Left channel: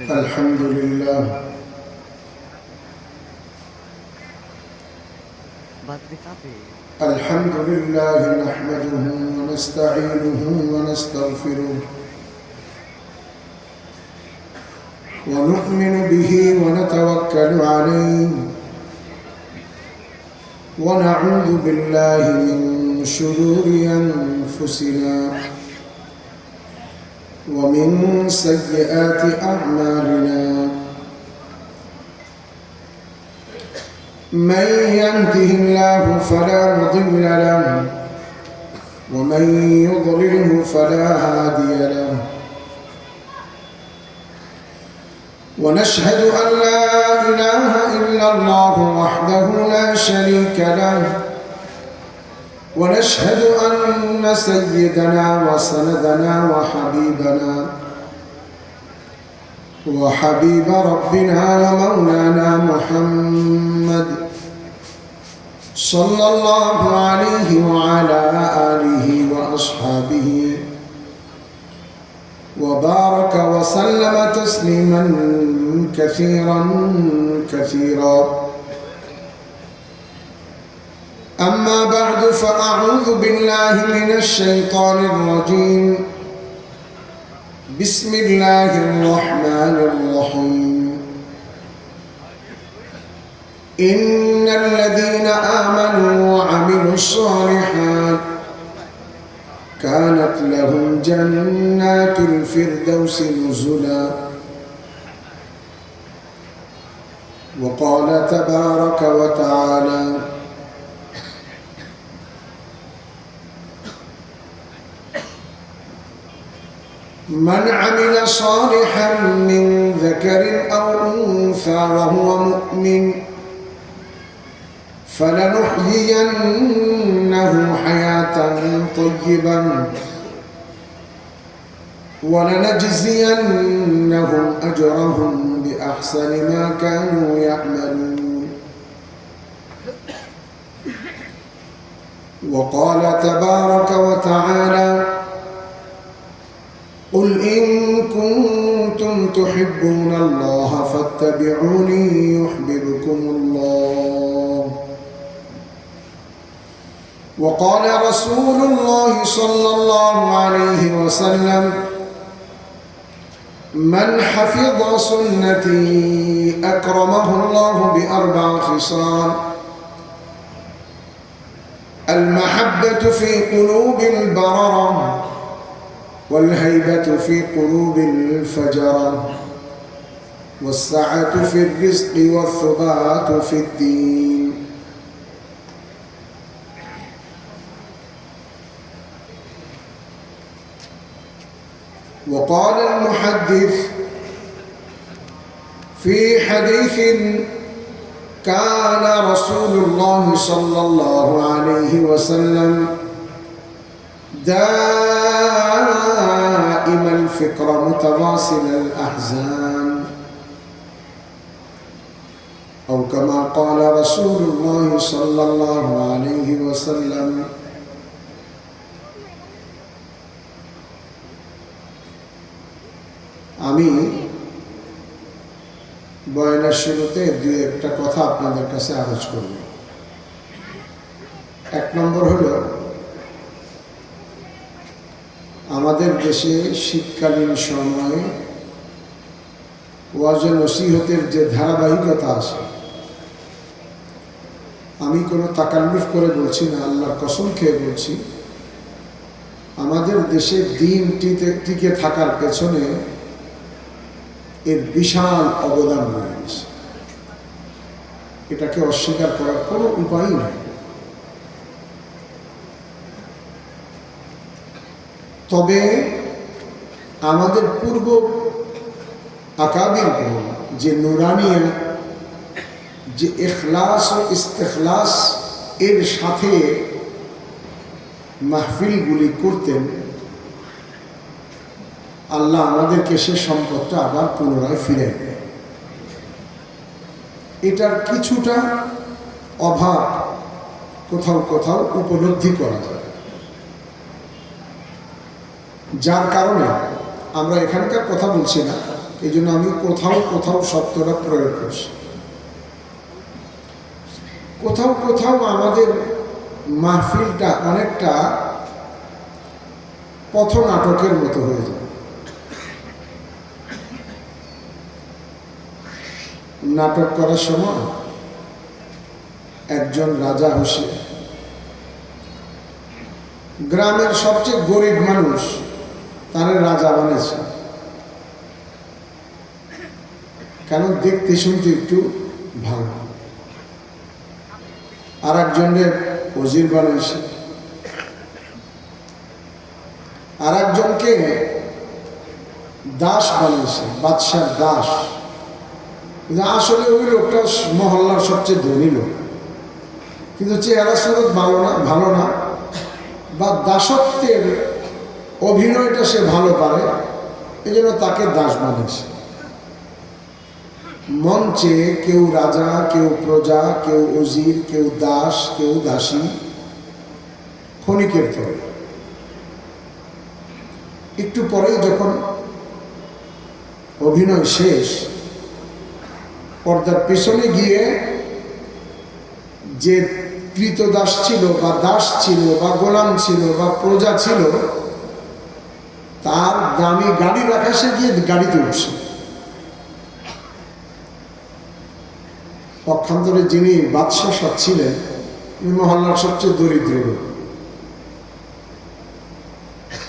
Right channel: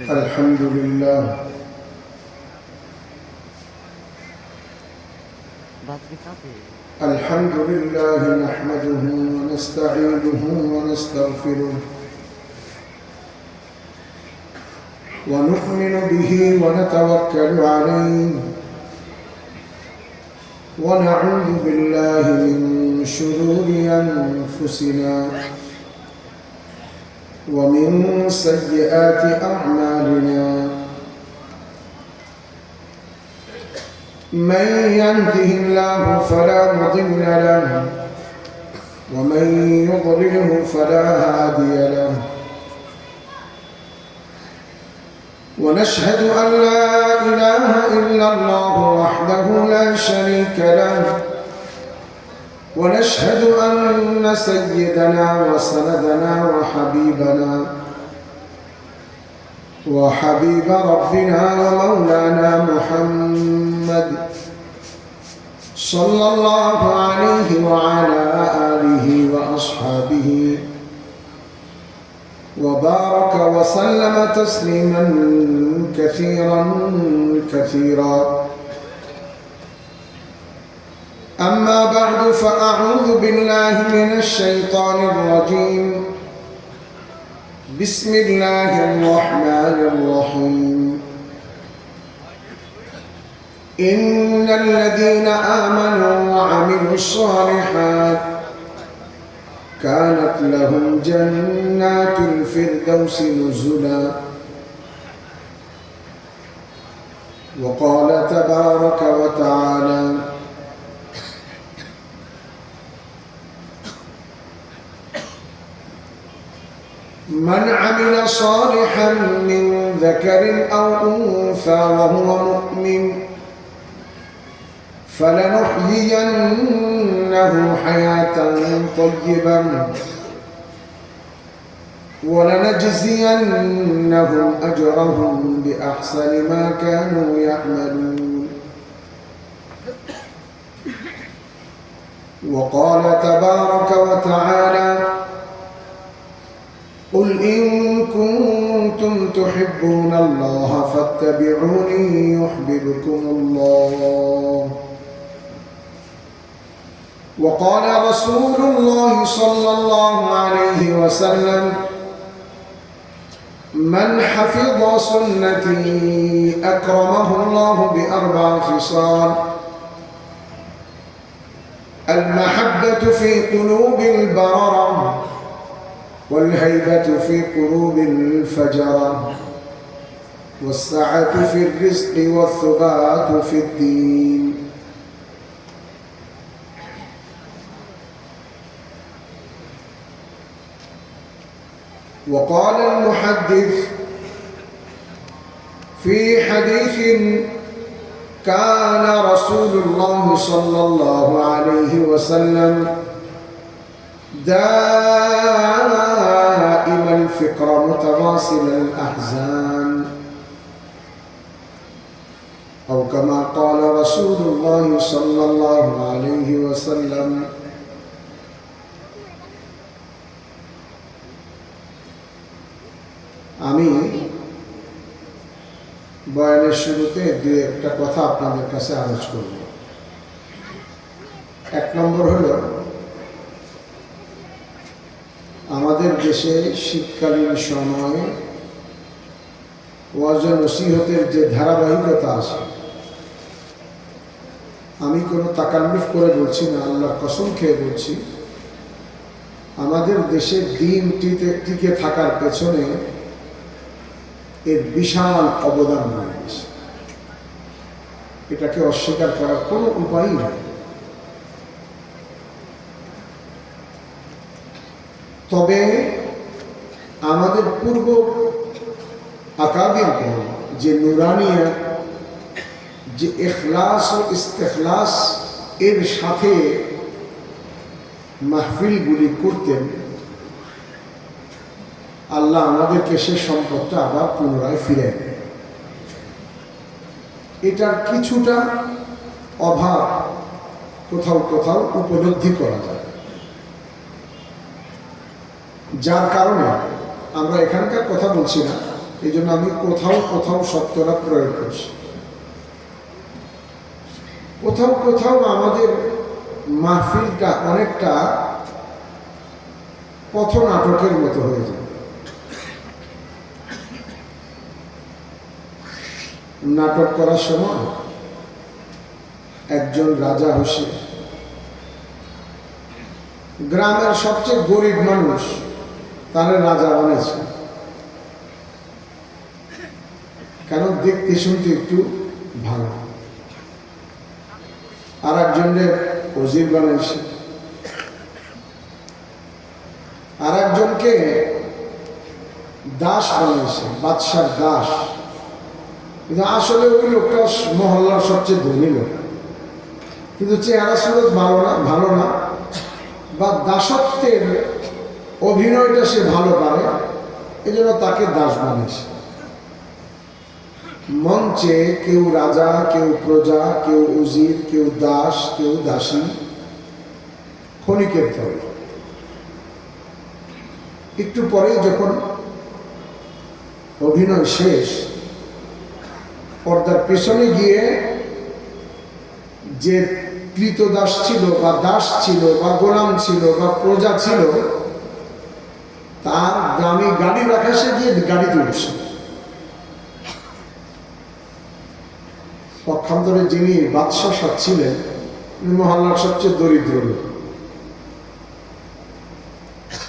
الحمد لله الحمد لله نحمده ونستعينه ونستغفره ونؤمن به ونتوكل عليه ونعوذ بالله من شرور أنفسنا ومن سيئات أعمالنا من يهده الله فلا مضل له ومن يضلله فلا هادي له ونشهد أن لا إله إلا الله وحده لا شريك له ونشهد أن سيدنا وسندنا وحبيب ربنا ومولانا محمد صلى الله عليه وعلى آله وأصحابه وبارك وسلم تسليما كثيرا أما بعد فأعوذ بالله من الشيطان الرجيم بسم الله الرحمن الرحيم إن الذين آمنوا وعملوا الصالحات كانت لهم جنات الفردوس نزلا وقال تبارك وتعالى من عمل صالحا من ذكر أو أنثى وهو مؤمن فلنحيينه حياة طيبة ولنجزينهم أجرهم بأحسن ما كانوا يعملون وقال تبارك وتعالى قل إن كنتم تحبون الله فاتبعوني يحببكم الله وقال رسول الله صلى الله عليه وسلم من حفظ سنتي أكرمه الله بأربع خصال المحبة في قلوب البررة والهيبة في قلوب الفجرة والسعة في الرزق والثبات في الدين وقال المحدث في حديث كان رسول الله صلى الله عليه وسلم دائم الفكر متواصل الأحزان أو كما قال رسول الله صلى الله عليه وسلم আমি বয়ানের শুরুতে দুই একটা কথা আপনাদের কাছে আলোচ করব। এক নম্বর হলো আমাদের দেশে শীতকালীন সময়ে ওয়াজ ও নসিহতের যে ধারাবাহিকতা আছে, আমি কোনো তাকাল্লুফ করে বলছি না, আল্লাহর কসম খেয়ে বলছি, আমাদের দেশে দিন টিকে থাকার পেছনে এর বিশাল অবদান রয়েছে। এটাকে অস্বীকার করার কোনো উপায় নাই। তবে আমাদের পূর্ব আকাবির যে নুরানিয়া, যে ইখলাস ও ইস্তেখলাস এর সাথে মাহফিলগুলি করতেন, আল্লাহ আমাদেরকে সে সম্পদটা আবার পুনরায় ফিরে দেয়। এটার কিছুটা অভাব কোথাও কোথাও উপলব্ধি করা যায়, যার কারণে আমরা এখানকার কথা বলছি না, এই জন্য আমি কোথাও কোথাও শব্দটা প্রয়োগ করছি। কোথাও কোথাও আমাদের মাহফিলটা অনেকটা পথনাটকের মতো হয়ে যায়। নাটক করার সময় একজন রাজা হোসে, গ্রামের সবচেয়ে গরিব মানুষ তারা রাজা বানিয়েছে, কারণ দেখতে শুনতে একটু ভালো। আর একজনের ওজির বানিয়েছে, আর একজনকে দাস বানিয়েছে, বাদশার দাস। কিন্তু আসলে ওই লোকটা মহল্লার সবচেয়ে ধনী লোক, কিন্তু চেহারা সুরত ভালো না, বা দাসত্বের অভিনয়টা সে ভালো পারে, এই জন্য তাকে দাস বানিয়েছে। মঞ্চে কেউ রাজা, কেউ প্রজা, কেউ উজির, কেউ দাস, কেউ দাসী, ক্ষণিকের তরে। একটু পরে যখন অভিনয় শেষ, পর্দার পেছনে গিয়ে যে কৃতদাস ছিল বা দাস ছিল বা গোলাম ছিল বা প্রজা ছিল, তার দামি গাড়ি রাখা, সে গিয়ে গাড়িতে উঠছে। পক্ষান্তরে যিনি বাদশাহ ছিলেন, মহল্লার সবচেয়ে দরিদ্র লোক।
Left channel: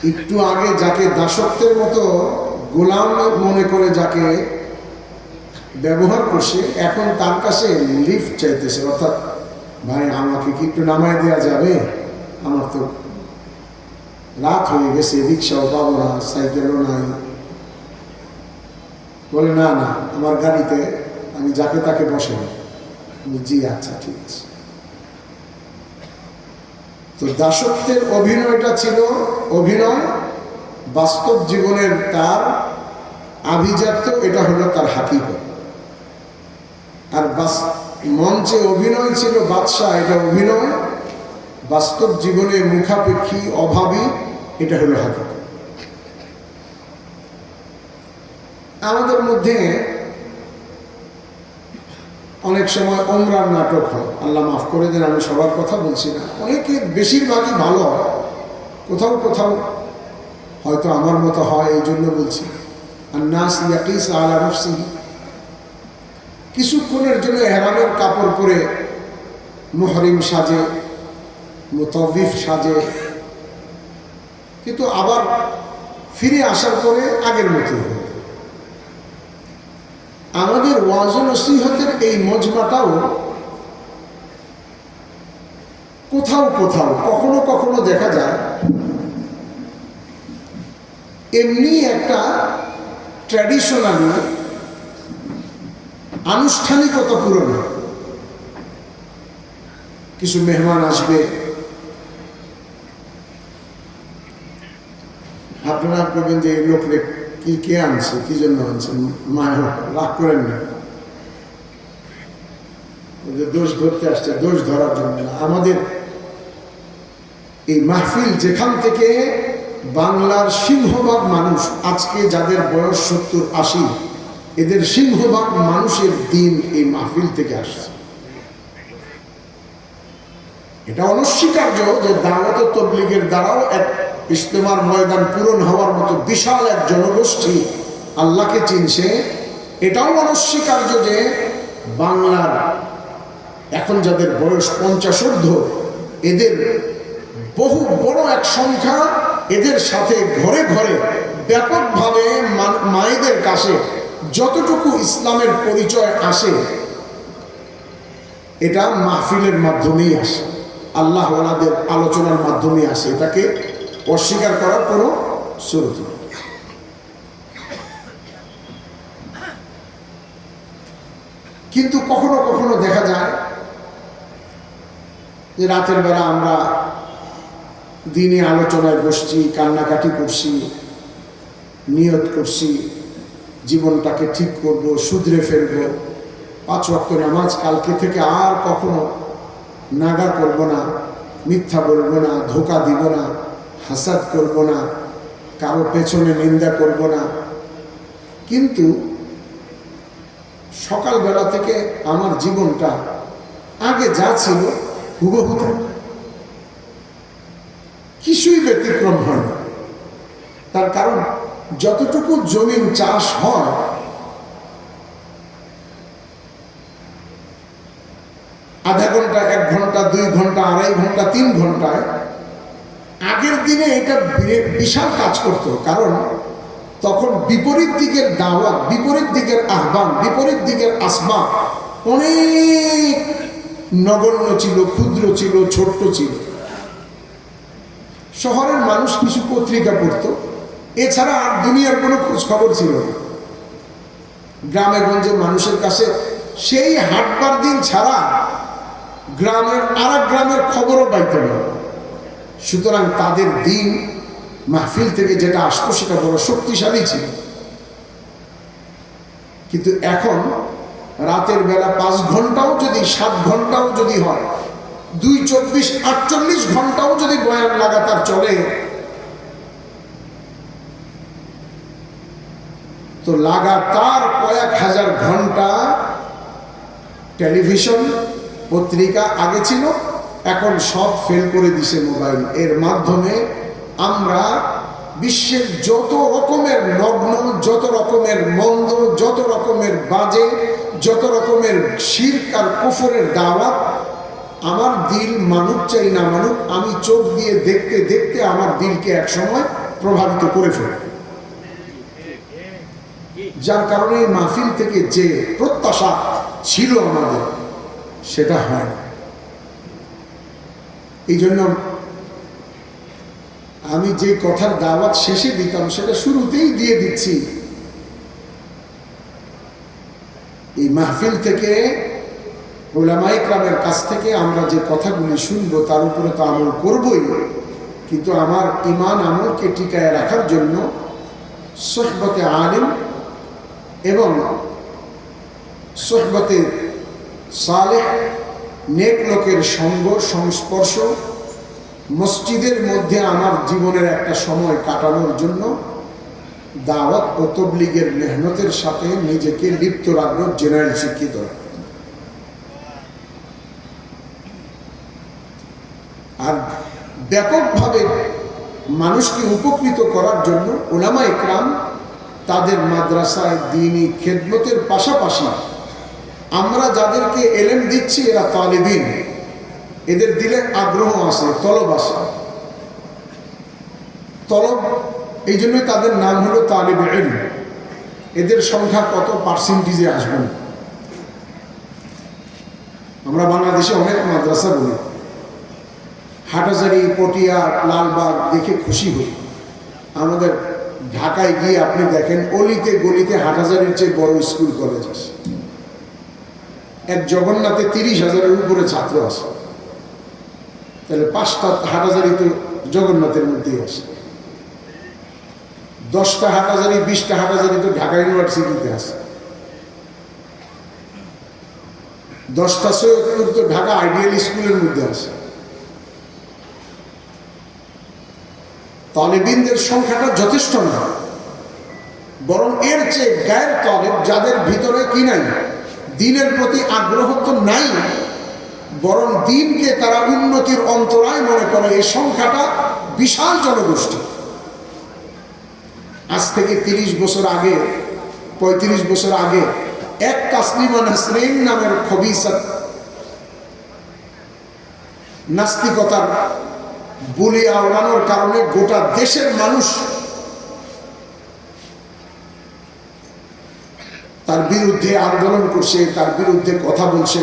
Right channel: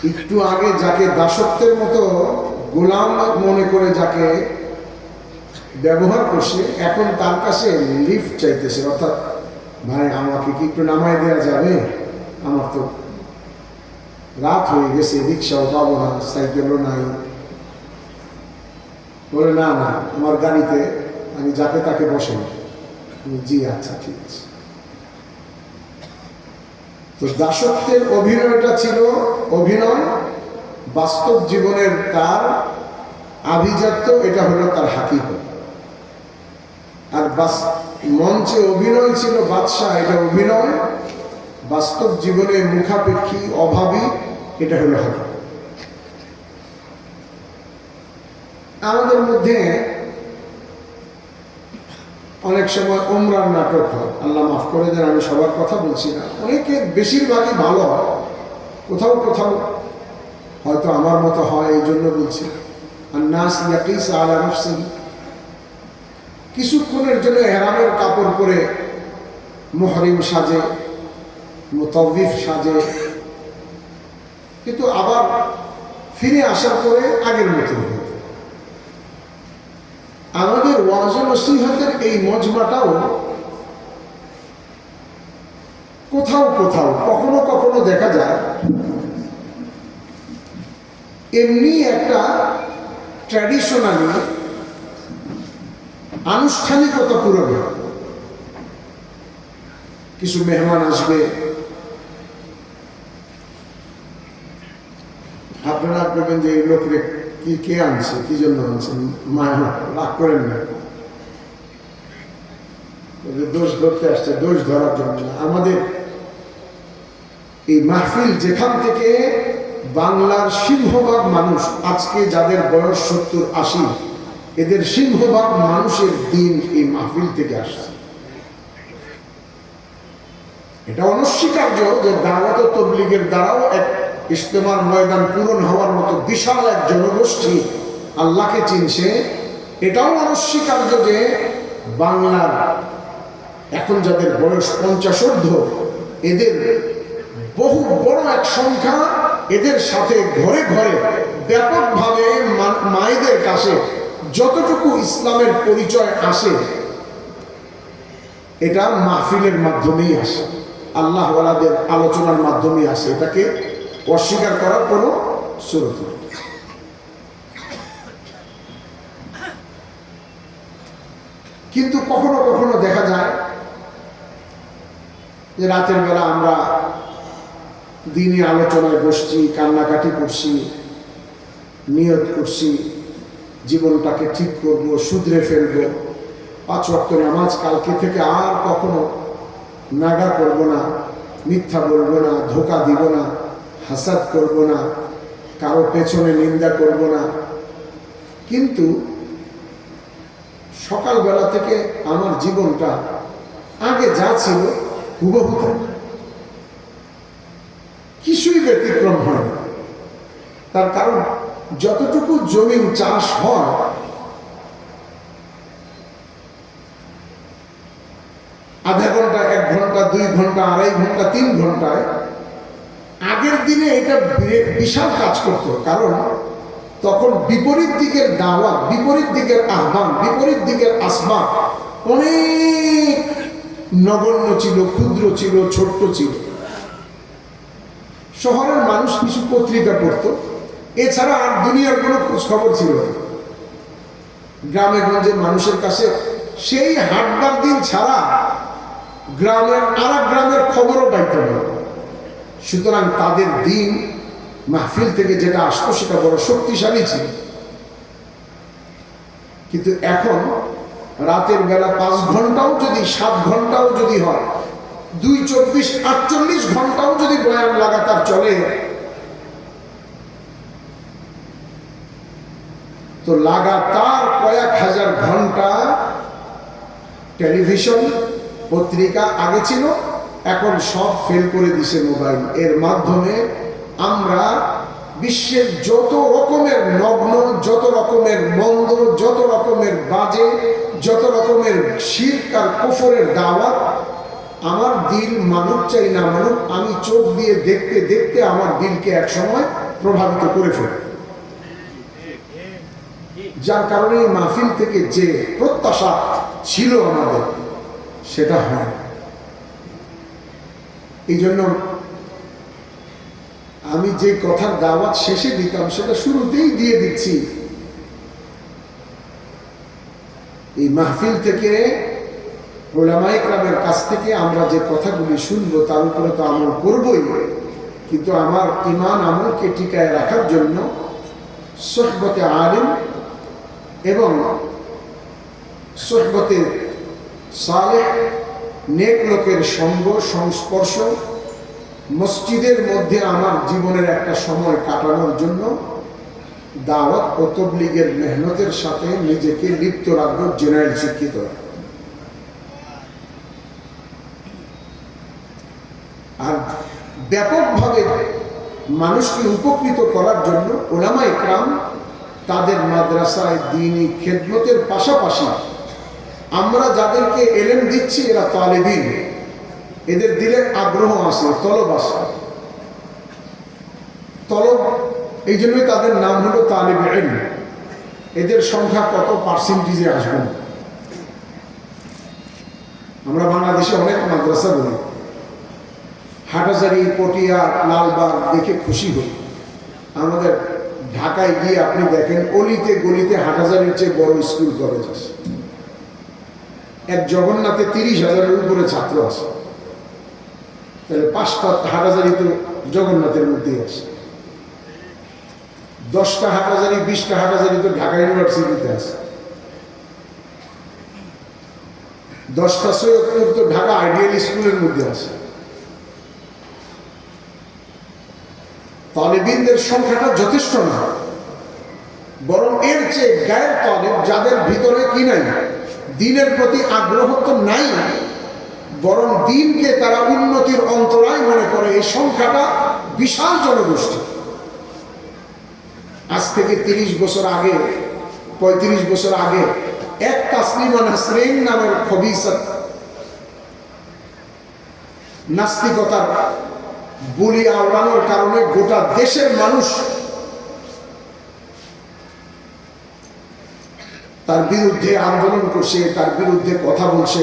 একটু আগে যাকে দাসত্বের মতো গোলাম মনে করে যাকে ব্যবহার করছে, এখন তার কাছে লিফট চাইতেছে, অর্থাৎ ভাই আমাকে কি একটু নামায় দেওয়া যাবে, আমার তো রাত হয়ে গেছে, রিক্সাও পাবো না, সাইকেলও নাই। বলে না না, আমার গাড়িতে আমি যাকে তাকে বসে। জি আচ্ছা ঠিক আছে। তো দাসত্বের অভিনয়টা ছিল অভিনয়, বাস্তব জীবনের তার আভিজাত্য, এটা হলো তার হাকিকত। আর মঞ্চে অভিনয় ছিল বাদশাহ, এটা অভিনয়, বাস্তব জীবনে মুখাপেক্ষী, অভাবী, এটা হলো হাকিকত। আমাদের মধ্যে অনেক সময় উমরার নাটক হয়, আল্লাহ মাফ করে দেন, আমি সবার কথা বলছি না, অনেকে বেশিরভাগই ভালো হয়, কোথাও কোথাও হয়তো আমার মতো হয়, এই জন্য বলছি। আন্নাস ইয়াকিস আলা নাফসিহি, কিছুক্ষণের জন্য হেরামের কাপড় পরে মুহরিম সাজে, মুতাওয়িফ সাজে, কিন্তু আবার ফিরে আসার পরে আগের মতো। আমাদের ওয়াজ নসিহতের এই মজমাটাও কোথাও কোথাও কখনো কখনো দেখা যায় এমনি একটা ট্র্যাডিশনালি আনুষ্ঠানিকতা পূরণ। কিছু মেহমান আসবে, আপনারা বলবেন যে এই লোকরে কি কে আনছে, কি জন্য আনছে, মায়া রাগ করেন না, দোষ ধরতে আসছে, দোষ ধরার জন্য না। আমাদের এই মাহফিল যেখান থেকে বাংলার সিংহভাগ মানুষ, আজকে যাদের বয়স 70-80, এদের সিংহভাগ মানুষের দিন এই মাহফিল থেকে আসছে। এটা অনস্বীকার্য যে দাওয়াত ও তাবলীগের দ্বারাও এক ইজতেমার ময়দান পূরণ হওয়ার মতো বিশাল এক জনগোষ্ঠী আল্লাহকে চিনছে। এটাও অনস্বীকার্য যে বাংলার এখন যাদের বয়স 50 ঊর্ধ্ব, এদের বহু বড় এক সংখ্যা, এদের সাথে ঘরে ঘরে ব্যাপকভাবে মায়েদের কাছে যতটুকু ইসলামের পরিচয় আসে, এটা মাহফিলের মাধ্যমেই আসে, আল্লাহওয়ালাদের আলোচনার মাধ্যমে আসে। এটাকে অস্বীকার করার কোনো সুযোগ নেই। কিন্তু কখনো কখনো দেখা যায় যে রাতের বেলা আমরা দিনই আলোচনায় বসছি, কান্নাকাটি করছি, নিয়ত করছি জীবনটাকে ঠিক করব, শুধরে ফেলব, 5 ওয়াক্ত নামাজ কালকে থেকে আর কখনো নাগা করব না, মিথ্যা বলবো না, ধোঁকা দিব না, হাসাদ করব না, কারো পেছনে নিন্দা করব না, কিন্তু সকালবেলা থেকে আমার জীবনটা আগে যা ছিল হুবহু কিছুই ব্যতিক্রম হয় না। তার কারণ যতটুকু জমিন চাষ হয় আধা ঘন্টা, 1 ঘন্টা, 2 ঘন্টা, 2.5 ঘন্টা, 3 ঘন্টায় আগের দিনে এটা বিশাল কাজ করত। কারণ তখন বিপরীত দিকের দাওয়াত, বিপরীত দিকের আহ্বান, বিপরীত দিকের আসবাব অনেক নগণ্য ছিল, ক্ষুদ্র ছিল, ছোট্ট ছিল। শহরের মানুষ কিছু পত্রিকা পড়তো, এছাড়া আর দুনিয়ার কোনো খোঁজ খবর ছিল না। গ্রামে গঞ্জে মানুষের কাছে সেই হাটবার দিন ছাড়া গ্রামের আর গ্রামের খবরও পাইত না। সুতরাং তাদের দিন মাহফিল থেকে যেটা আসতো সেটা বড় শক্তিশালী ছিল। কিন্তু এখন রাতের বেলা 5 ঘন্টাও যদি, 7 ঘন্টাও যদি হয়, 2, 24, 48 ঘন্টাও যদি বয়ান লাগাতার চলে, তো লাগাতার কয়েক হাজার ঘন্টা টেলিভিশন, পত্রিকা আগে ছিল, এখন সব ফেল করে দিছে মোবাইল। এর মাধ্যমে আমরা বিশ্বের যত রকমের নগ্ন, যত রকমের মন্দ, যত রকমের বাজে, যত রকমের শিরক আর কুফরের দাওয়াত, আমার দিল মানুক চাই না মানুক, আমি চোখ দিয়ে দেখতে দেখতে আমার দিলকে একসময় প্রভাবিত করে ফেলে। যার কারণে মাহফিল থেকে যে প্রত্যাশা ছিল আমাদের, সেটা হয় না। এই জন্য আমি যে কথার দাওয়াত শেষে দিতাম সেটা শুরুতেই দিয়ে দিচ্ছি। এই মাহফিল থেকে, উলামায়ে কেরামের কাছ থেকে আমরা যে কথাগুলি শুনবো তার উপরে তো আমল করবই, কিন্তু আমার ঈমান আমলকে টিকায় রাখার জন্য সুহবতে আলিম এবং সুহবতে সালেহ, নেক লোকের সঙ্গ, সংস্পর্শ, মসজিদের মধ্যে আমার জীবনের একটা সময় কাটানোর জন্য দাওয়াত ও তাবলীগের মেহনতের সাথে নিজেকে লিপ্ত রাখবো, জেনারেল শিক্ষিত। আর ব্যাপকভাবে মানুষকে উপকৃত করার জন্য উলামায়ে কেরাম তাদের মাদ্রাসায় দ্বীনি খেদমতের পাশাপাশি আমরা যাদেরকে এলেম দিচ্ছি এরা তালেবিন, এদের দিলে আগ্রহ আছে, তলব আছে। তলব, এই জন্য তাদের নাম হলো তালেবে ইলম। এদের সংখ্যা কত পার্সেন্টেজে আসবেন? আমরা বাংলাদেশে অনেক মাদ্রাসা বলি, হাটহাজারী, পটিয়া, লালবাগ দেখে খুশি হই। আমাদের ঢাকায় গিয়ে আপনি দেখেন অলিতে গলিতে হাটহাজারীর চেয়ে বড় স্কুল কলেজ আছে। এক জগন্নাথে 30,000-এর উপরে ছাত্র আছে। তাহলে 5টা হাটহাজারী তো জগন্নাথের মধ্যেই আছে। 10টা হাটহাজারী, 20টা হাটহাজারী তো ঢাকা ইউনিভার্সিটিতে আছে। 10টা সৈয়দপুর তো ঢাকা আইডিয়াল স্কুলের মধ্যে আছে। তালেবিনদের সংখ্যাটা যথেষ্ট না, বরং এর চেয়ে গায়ের তালেব, যাদের ভিতরে কি নাই, দ্বীনের প্রতি আগ্রহ তো নাই, বরং দ্বীনকে তারা উন্নতির অন্তরায় মনে করে, এই সংখ্যাটা বিশাল জনগোষ্ঠী। আজ থেকে 30 বছর আগে, 35 বছর আগে এক তাসলিমা নাসরিন নামের খবিসা নাস্তিকতার বুলি আওড়ানোর কারণে গোটা দেশের মানুষ তার বিরুদ্ধে আন্দোলন করছে, তার বিরুদ্ধে কথা বলছে।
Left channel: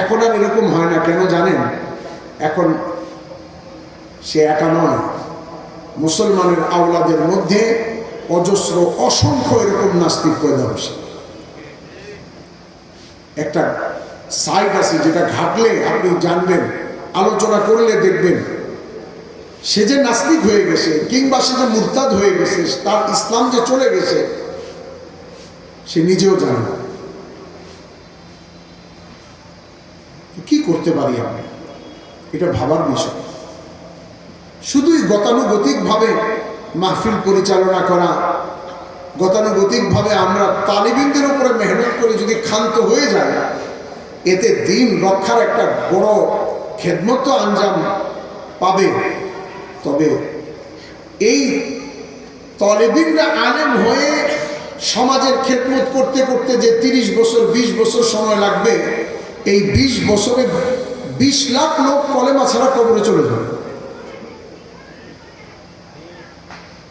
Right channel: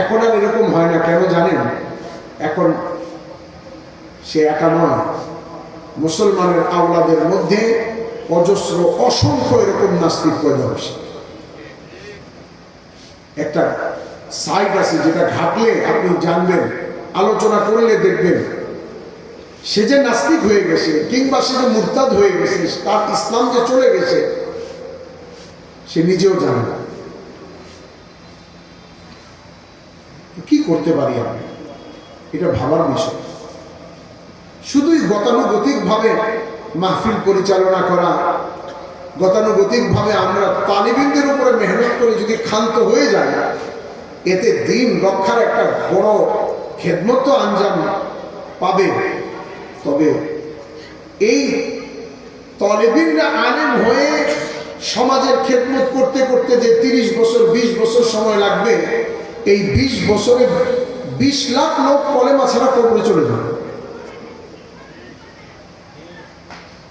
এখন আর এরকম হয় না। কেন জানেন? এখন সে একা নয়, মুসলমানের আওলাদের মধ্যে অজস্র, অসংখ্য এরকম নাস্তিক পয়দা হচ্ছে। একটা সাইট আছে যেটা ঘাটলে আপনি জানবেন, আলোচনা করলে দেখবেন, সে যে নাস্তিক হয়ে গেছে কিংবা সে যে মুরতাদ হয়ে গেছে, তার ইসলাম যে চলে গেছে, সে নিজেও জানে না। কি করতে পারি আমরা? এটা ভাবার বিষয়। শুধুই গতানুগতিকভাবে মাহফিল পরিচালনা করা, গতানুগতিকভাবে আমরা তালিবিনদের উপরে মেহনত করে যদি ক্ষান্ত হয়ে যায়, এতে দিন রক্ষার একটা বড় খেদমত আঞ্জাম পাবে। তবে এই তালিবিনরা আলেম হয়ে সমাজের খেদমত করতে করতে যে 30 বছর 20 বছর সময় লাগবে, এই 20 বছরে 20 লাখ লোক কলেমা ছাড়া কবরে চলে যাবে।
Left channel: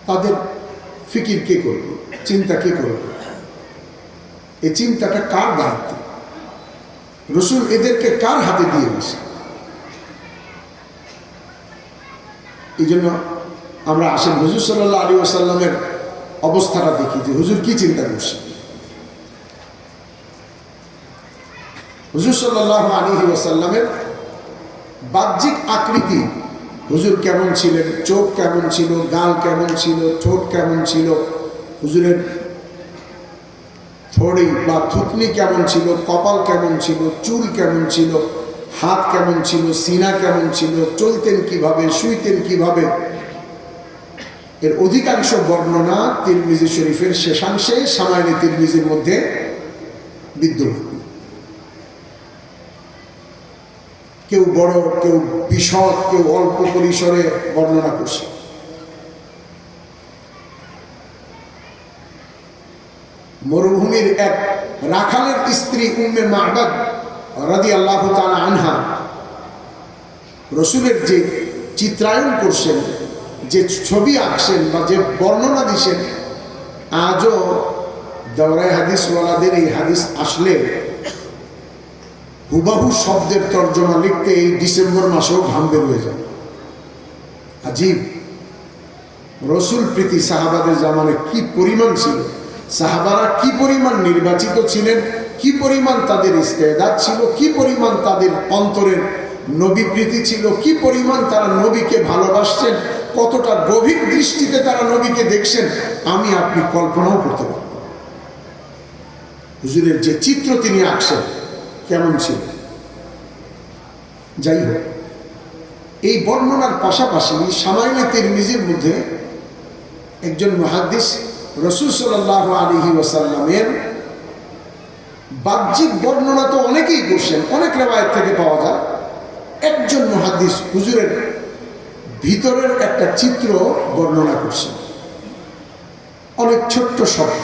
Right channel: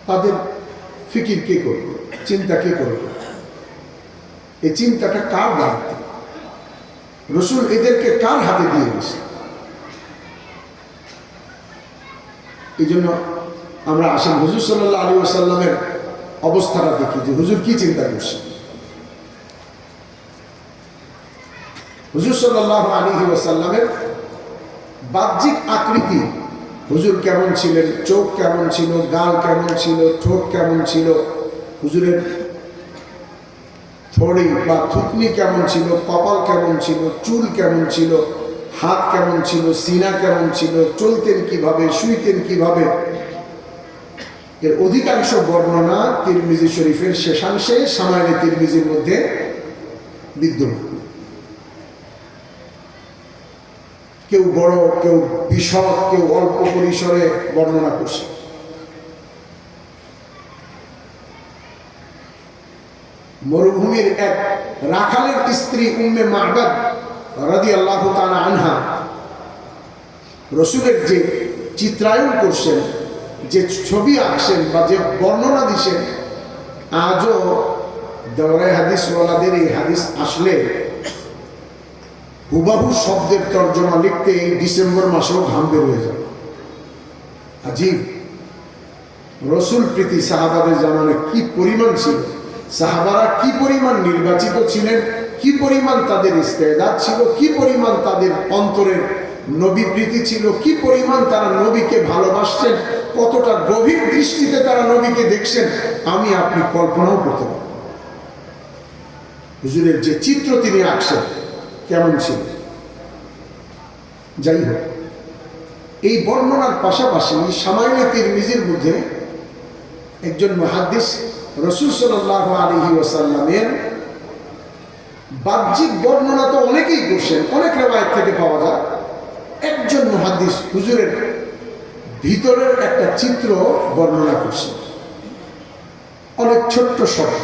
তাদের ফিকির কে করবে, চিন্তা কে করবে? এই চিন্তাটা কার দায়িত্ব? রসুল এদেরকে কার হাতে দিয়ে গেছে? এই জন্য আমরা আসেন হুজুর সাল্লাল্লাহু আলাইহি ওয়াসাল্লামের অবস্থাটা দেখি যে হুজুর কি চিন্তা করছে। হুজুর সাল্লাল্লাহু আলাইহি ওয়াসাল্লামের বাহ্যিক আকৃতি, হুজুর কেমন ছিলেন, চোখ কেমন ছিল, গাল কেমন ছিল, ঠোঁট কেমন ছিল, হুজুরের থড়ি বা থুতনি কেমন ছিল, কপাল কেমন ছিল, চুল কেমন ছিল, হাত কেমন ছিল, সিনা কেমন ছিল, চলতেন কিভাবে, শুইতেন কিভাবে, এর অধিকাংশ বর্ণনা তিরমিজি শরীফের শেষাংশে সামাইনে তিরমিজির মধ্যে বিদ্যমান। কেউ বড়, কেউ বিশদ, কেউ অল্প পরিসরে বর্ণনা করছে। মরুভূমির এক রাখালের স্ত্রী উম্মে মা'বাদ রাদিয়াল্লাহু তাআলা আনহা রসুলের যে চিত্রায়ন করছেন, যে ছবি আঁকছেন বা যে বর্ণনা দিচ্ছেন, আজও দাওরায়ে হাদিস ওয়ালাদের এই হাদিস আসলে হুবাহু শব্দের তর্জমা লিখতে এই ডিসেম্বর মাসেও ঘাম বের হয়ে যাবে। আজীব রসুল প্রীতি সাহাবাদের জামানে কি পরিমাণ ছিল, সাহাবারা কি পরিমাণ নির্বাচিত ছিলেন, কি পরিমাণ তাদের ইস্তেদাদ ছিল, কি পরিমাণ তাদের অন্তরের নবী প্রীতি ছিল, কি পরিমাণ তারা নবীকে ভালোবাসছেন, কতটা গভীর দৃষ্টিতে তারা নবীকে দেখছেন, আমি আপনি কল্পনাও করতে পারি। হুজুরের যে চিত্র তিনি আঁকছেন কেমন ছিল। যাই হোক, এই বর্ণনার পাশাপাশি সামাইনে তিরমিজির মধ্যে একজন মুহাদ্দিস রাসূল সাল্লাল্লাহু আলাইহি ওয়াসাল্লামের বাহ্যিক বর্ণনা তো অনেকেই করছেন, অনেক রিওয়ায়াত থেকে পাওয়া যায়। একজন মুহাদ্দিস হুজুরের ভিতরের একটা চিত্র বর্ণনা করছেন, অনেক ছোট্ট শব্দ।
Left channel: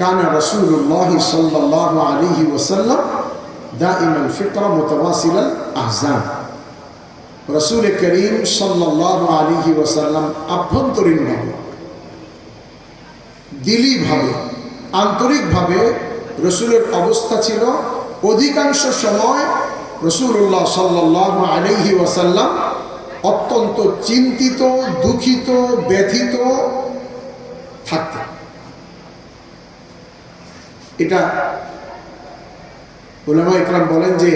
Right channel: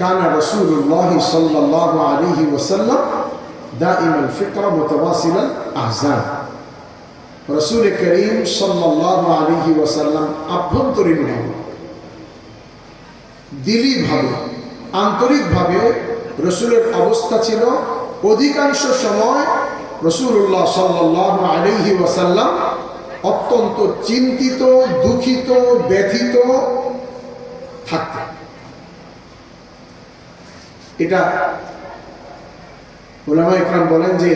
কানা রাসূলুল্লাহ সাল্লাল্লাহু আলাইহি ওয়াসাল্লাম দাইমাল ফিতরা মুতাওয়াসিলাল আহজান। রাসূল করিম সাল্লাল্লাহু আলাইহি ওয়াসাল্লাম আভ্যন্তরীণভাবে, দিলীভাবে, আন্তরিকভাবে রসুলের অবস্থা ছিল অধিকাংশ সময় রাসূলুল্লাহ সাল্লাল্লাহু আলাইহি ওয়াসাল্লাম অত্যন্ত চিন্তিত, দুঃখিত, ব্যথিত থাকতেন। এটা উলামা ইকরাম বলেন যে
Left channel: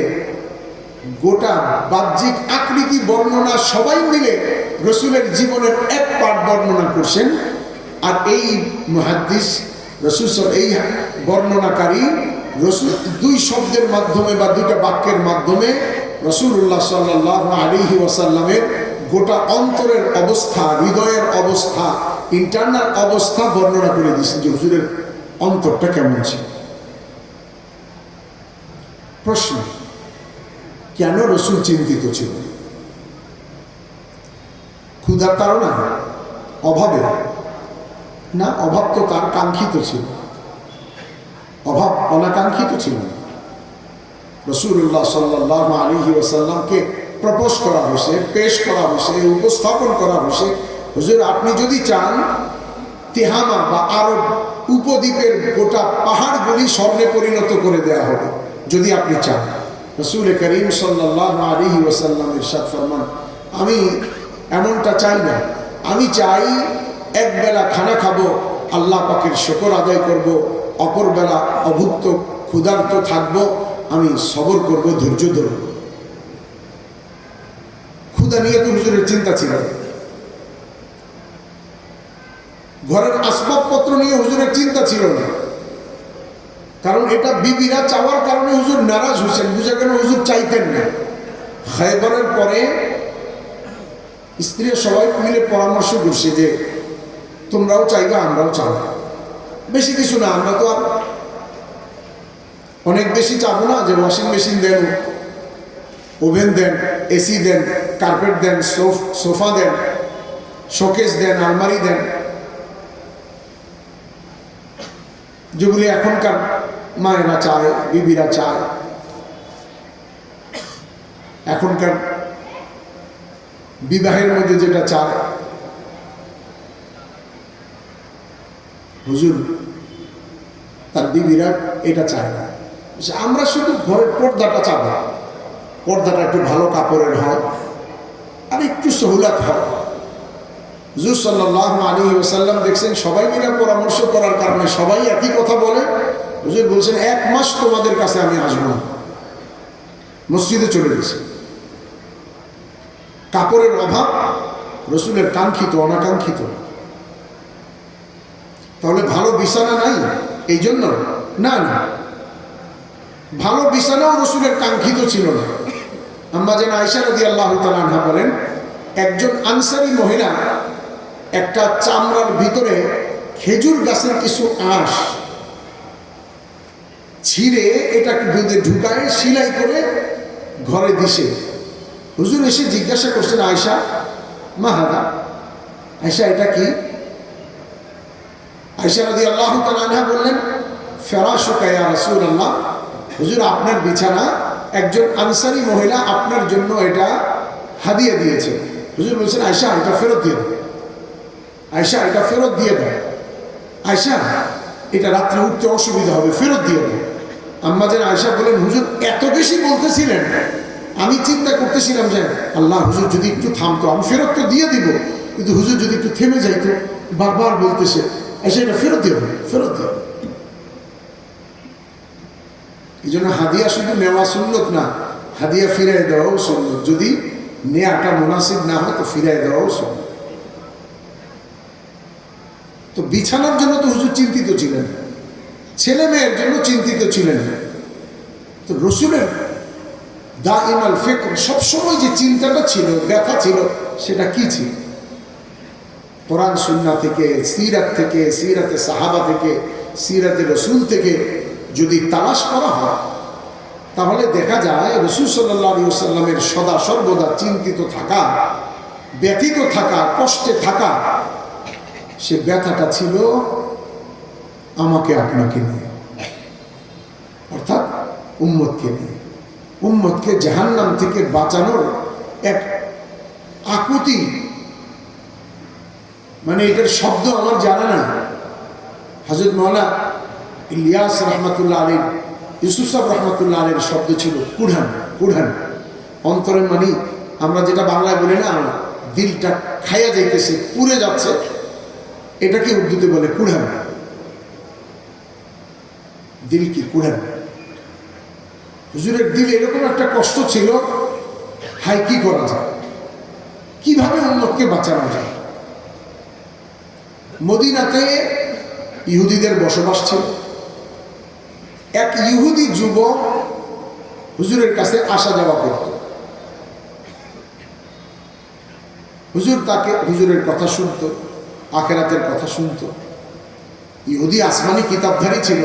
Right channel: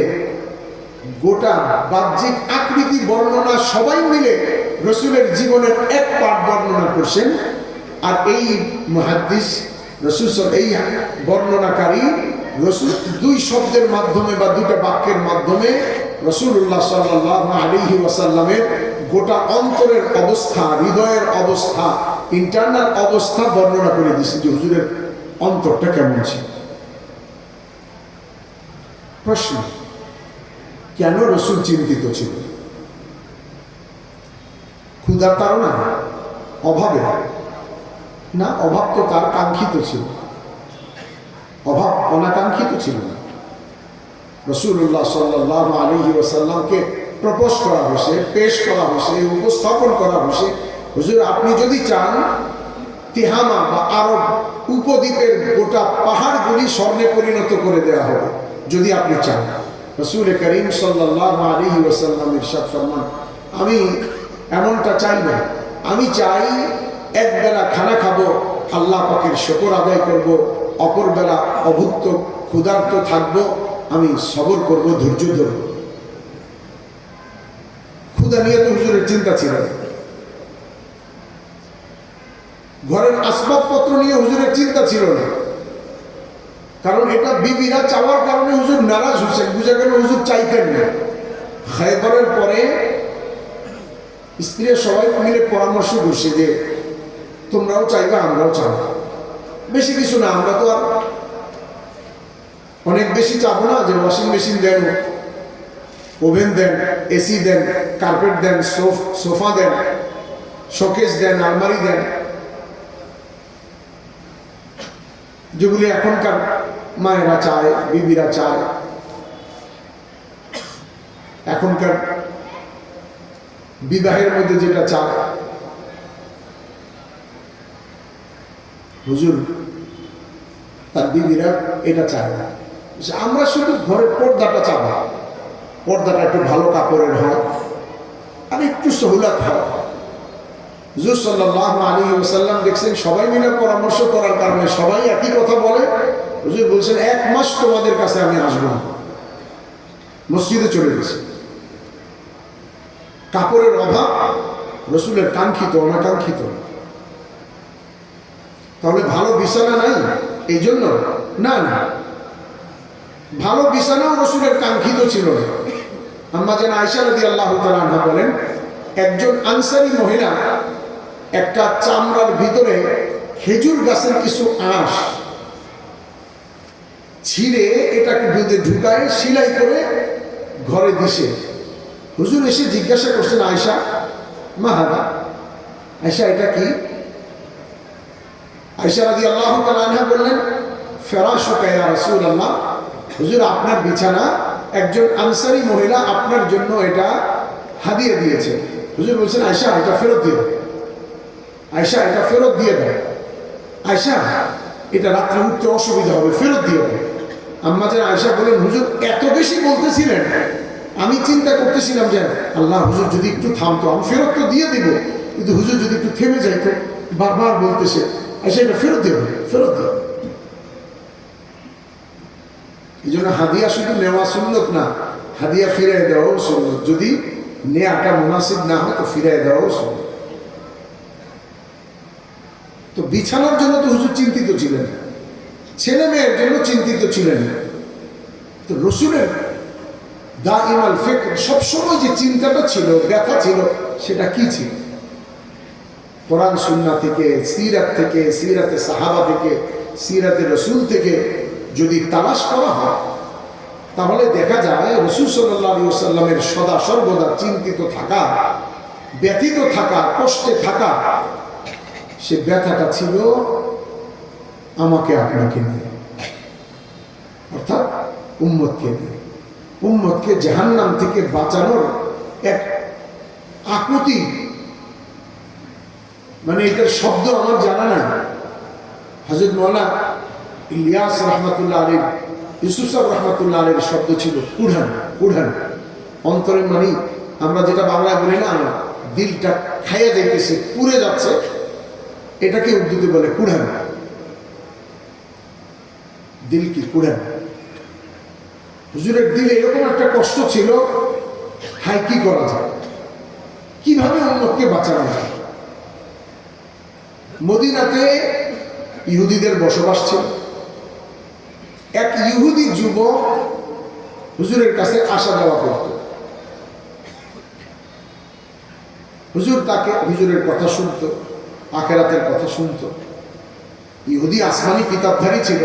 গোটা বাহ্যিক আকৃতি বর্ণনা সবাই মিলে রসুলের জীবনের এক পাঠ বর্ণনা করছেন, আর এই মুহাদ্দিস রসুল এই বর্ণনাকারী রসুল দুই শব্দের মাধ্যমে বা দুইটা বাক্যের মাধ্যমে রাসূলুল্লাহ সাল্লাল্লাহু আলাইহি ওয়াসাল্লামের গোটা অন্তরের অবস্থা, হৃদয়ের অবস্থা, ইন্টারনাল অবস্থা বর্ণনা করে দিয়েছেন যে হুজুরের অন্তরটা কেমন ছিল। প্রশ্ন, কেন রসুল চিন্তিত ছিল? ক্ষুধার কারণে? অভাবে? না, অভাব তো তার কাঙ্ক্ষিত ছিল, অভাব অনাকাঙ্ক্ষিত ছিল না। রাসূলুল্লাহ সাল্লাল্লাহু আলাইহি ওয়াসাল্লামকে প্রপোজ করা হয়েছে, পেশ করা হয়েছে, উপস্থাপন করা হয়েছে, হুজুর আপনি যদি চান তিহামা বা আরব উপদ্বীপের গোটা পাহাড়গুলি স্বর্ণে পরিণত করে দেওয়া হবে যদি আপনি চান। রাসূল করিম সাল্লাল্লাহু আলাইহি ওয়াসাল্লাম ইরশাদ ফরমান, আমি এমনটা চাই না, আমি চাই এক বেলা খানা খাবো, আল্লাহ পাকের শুকর আদায় করব, অপর বেলা অভুক্ত ক্ষুধার্ত থাকবো, আমি সবর করব, ধৈর্য ধরব। ক্ষুধা নিয়ে তো হুজুরের চিন্তা ছিল, ঘরের আসবাবপত্র নিয়ে হুজুরের চিন্তা ছিল না, কারণ এটা বিবিরা চাওয়ার কারণে হুজুর নারাজ হয়েছেন, বুঝে গেল হুজুর চাইতেন না। খায়বরের পরে স্ত্রীরা সবাই মিলে পরামর্শ করছে যে তোমরাও চাইবে, আমরাও চাইব। বেশি কিছু না, আমরা তো আর অনেক বেশি চাবো না যে ওয়াশিং মেশিন দেন, ওভেন দেন, এসি দেন, কার্পেট দেন, সোফা দেন, শোকেস দেন, আলমারি দেন, যেগুলি এখনকার মায়েরা চায়, বিবিরা চায়, এখনকার বিবাহের মধ্যে যেটা চায়। হুজুর তার বিবিরা এটা চায় না। আমরা শুধু ঘরের পর্দাটা চাব, পর্দাটা একটু ভালো কাপড়ের হয় আর একটু সহুলাত হয়। হুজুর সাল্লাল্লাহু আলাইহি ওয়াসাল্লাম দেখছেন সবাই মিলে পরামর্শ করার কারণে সবাই একই কথা বলে। হুজুর বলছেন 1 মাস তোমাদের কাছে আমি আসবো না, মসজিদে চলে গেছি। কাপড়ের অভাব রসুলের কাঙ্ক্ষিত অনাকাঙ্ক্ষিত। তাহলে ভালো বিছানা নাই এই জন্য না, না, ভালো বিছানাও রসুলের কাঙ্ক্ষিত ছিল না। আম্মা জান আয়েশা রাদিয়াল্লাহু তাআলা আনহা বলেন, একজন আনসারী মহিলা একটা চামড়ার ভিতরে খেজুর গাছের কিছু আঁশ ছিঁড়ে এটাকে দুধে ঢুকায় সেলাই করে ঘরে দিছে। হুজুর এসে জিজ্ঞাসা করছেন, আয়েশা মা হাদা, আয়েশা এটা কি? আয়েশা রাদিয়াল্লাহু তাআলা আনহা বললেন, ফিরাশুকা ইয়া রাসূলুল্লাহ, হুজুর আপনার বিছানা একজন আনসারী মহিলা আপনার জন্য এটা হাদিয়া দিয়েছে। হুজুর বলছেন, আয়েশা এটা ফেরত দিয়ে দাও, আয়েশা এটা ফেরত দিয়ে দাও, আয়েশা এটা রাত্রে উঠতে অসুবিধা হবে, ফেরত দিয়ে দাও। আম্মা জান আয়েশা বলেন, হুজুর এত বেশি বলতেছিলেন, আমি চিন্তা করতেছিলাম যে আল্লাহ, হুজুর যদি একটু থামতো, আমি ফেরত তো দিয়ে দিব, কিন্তু হুজুর যদি একটু থেমে যাইতো, বারবার বলতেছে আয়েশা এটা ফেরত দিয়ে দাও, ফেরত দিয়ে দাও। এই জন্য হাদিয়া শুধু নেওয়া সুন্নত না, হাদিয়া ফিরিয়ে দেওয়াও সুন্নত। যদি নেওয়াটা মুনাসিব না হয় তো ফিরিয়ে দেওয়াও সুন্নত। তো বিছানার জন্য তো হুজুর চিন্তিত ছিলেন, ছেলে মেয়ের জন্য চিন্তিত ছিলেন না। তো রসুলের দাইমাল ফিকর, সবসময় যে চিন্তাটা ছিল, ব্যথা ছিল, সেটা কি ছিল? কোরআন সুন্নাহ থেকে, সিরাত থেকে, সিরাতে সাহাবা থেকে, সিরাতে রসুল থেকে যদি তালাশ করা হয় তাহলে দেখা যায় রাসূল সাল্লাল্লাহু আলাইহি ওয়াসাল্লামের সদা সর্বদা চিন্তিত থাকা, ব্যথিত থাকা, কষ্টে থাকা, সে ব্যথাটা ছিল আমাকে আপনাকে নিয়ে, অর্থাৎ উম্মতকে নিয়ে। উম্মতকে জাহান্নাম থেকে বাঁচানোর এক আকুতি, মানে এটার শব্দ আমার জানা নাই। হযরত মাওলানা ইলিয়াস রহমাতুল্লাহ আলাইহি, ইউসুফ সাহেব রহমাতুল্লাহ আলাইহির শব্দ ছিল কুড়ান, কুড়ান, অন্তরের মানে আমরা যেটা বাংলায় বলি না, দিলটা খাইয়া যাইতেছে, পুড়ে যাচ্ছে, এটাকে উর্দুতে বলে কুড়ান। দিল কি কুড়ান? হুজুরের দিলে এরকম একটা কষ্ট ছিল, হাই কি করা যায়, কিভাবে উম্মতকে বাঁচানো যায়। মদিনাতে ইহুদিদের বসবাস ছিল। এক ইহুদি যুবক হুজুরের কাছে আসা যাওয়া করত। হুজুর তাকে হুজুরের কথা শুনত, আখিরাতের কথা শুনত। ইহুদি আসমানি কিতাবধারী ছিল,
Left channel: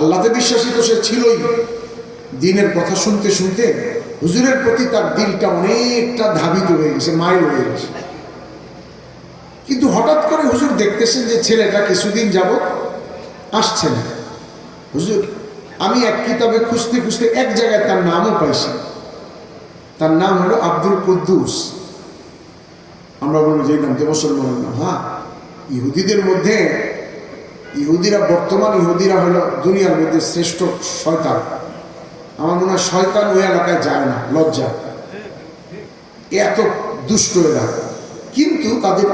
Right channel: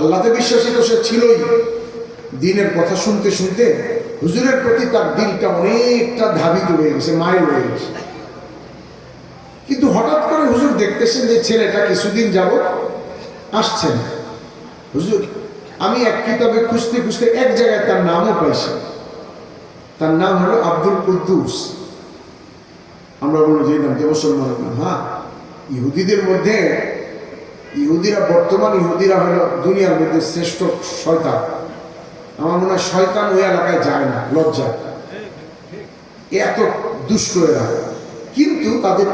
আল্লাহতে বিশ্বাসী তো সে ছিলই। দিনের কথা শুনতে শুনতে হুজুরের প্রতি তার দিলটা অনেকটা ধাবিত হয়ে গেছে, মাইল হয়ে গেছে। কিন্তু হঠাৎ করে হুজুর দেখতেছেন যে ছেলেটা কিছুদিন যাবত আসছে না। হুজুর, আমি এক কিতাবে খুঁজতে খুঁজতে এক জায়গায় তার নামও পাইছি। তার নাম হলো আব্দুল কুদ্দুস। আমরা বলবো যে নামটা মুসলমানের নাম। হ্যাঁ, ইহুদিদের মধ্যে ইহুদিরা, বর্তমান ইহুদিরা হলো দুনিয়ার মধ্যে শ্রেষ্ঠ শয়তান। আমার মনে হয় শয়তান ওই এলাকায় যায় না, লজ্জা, এত দুষ্ট এরা। কিন্তু তাদের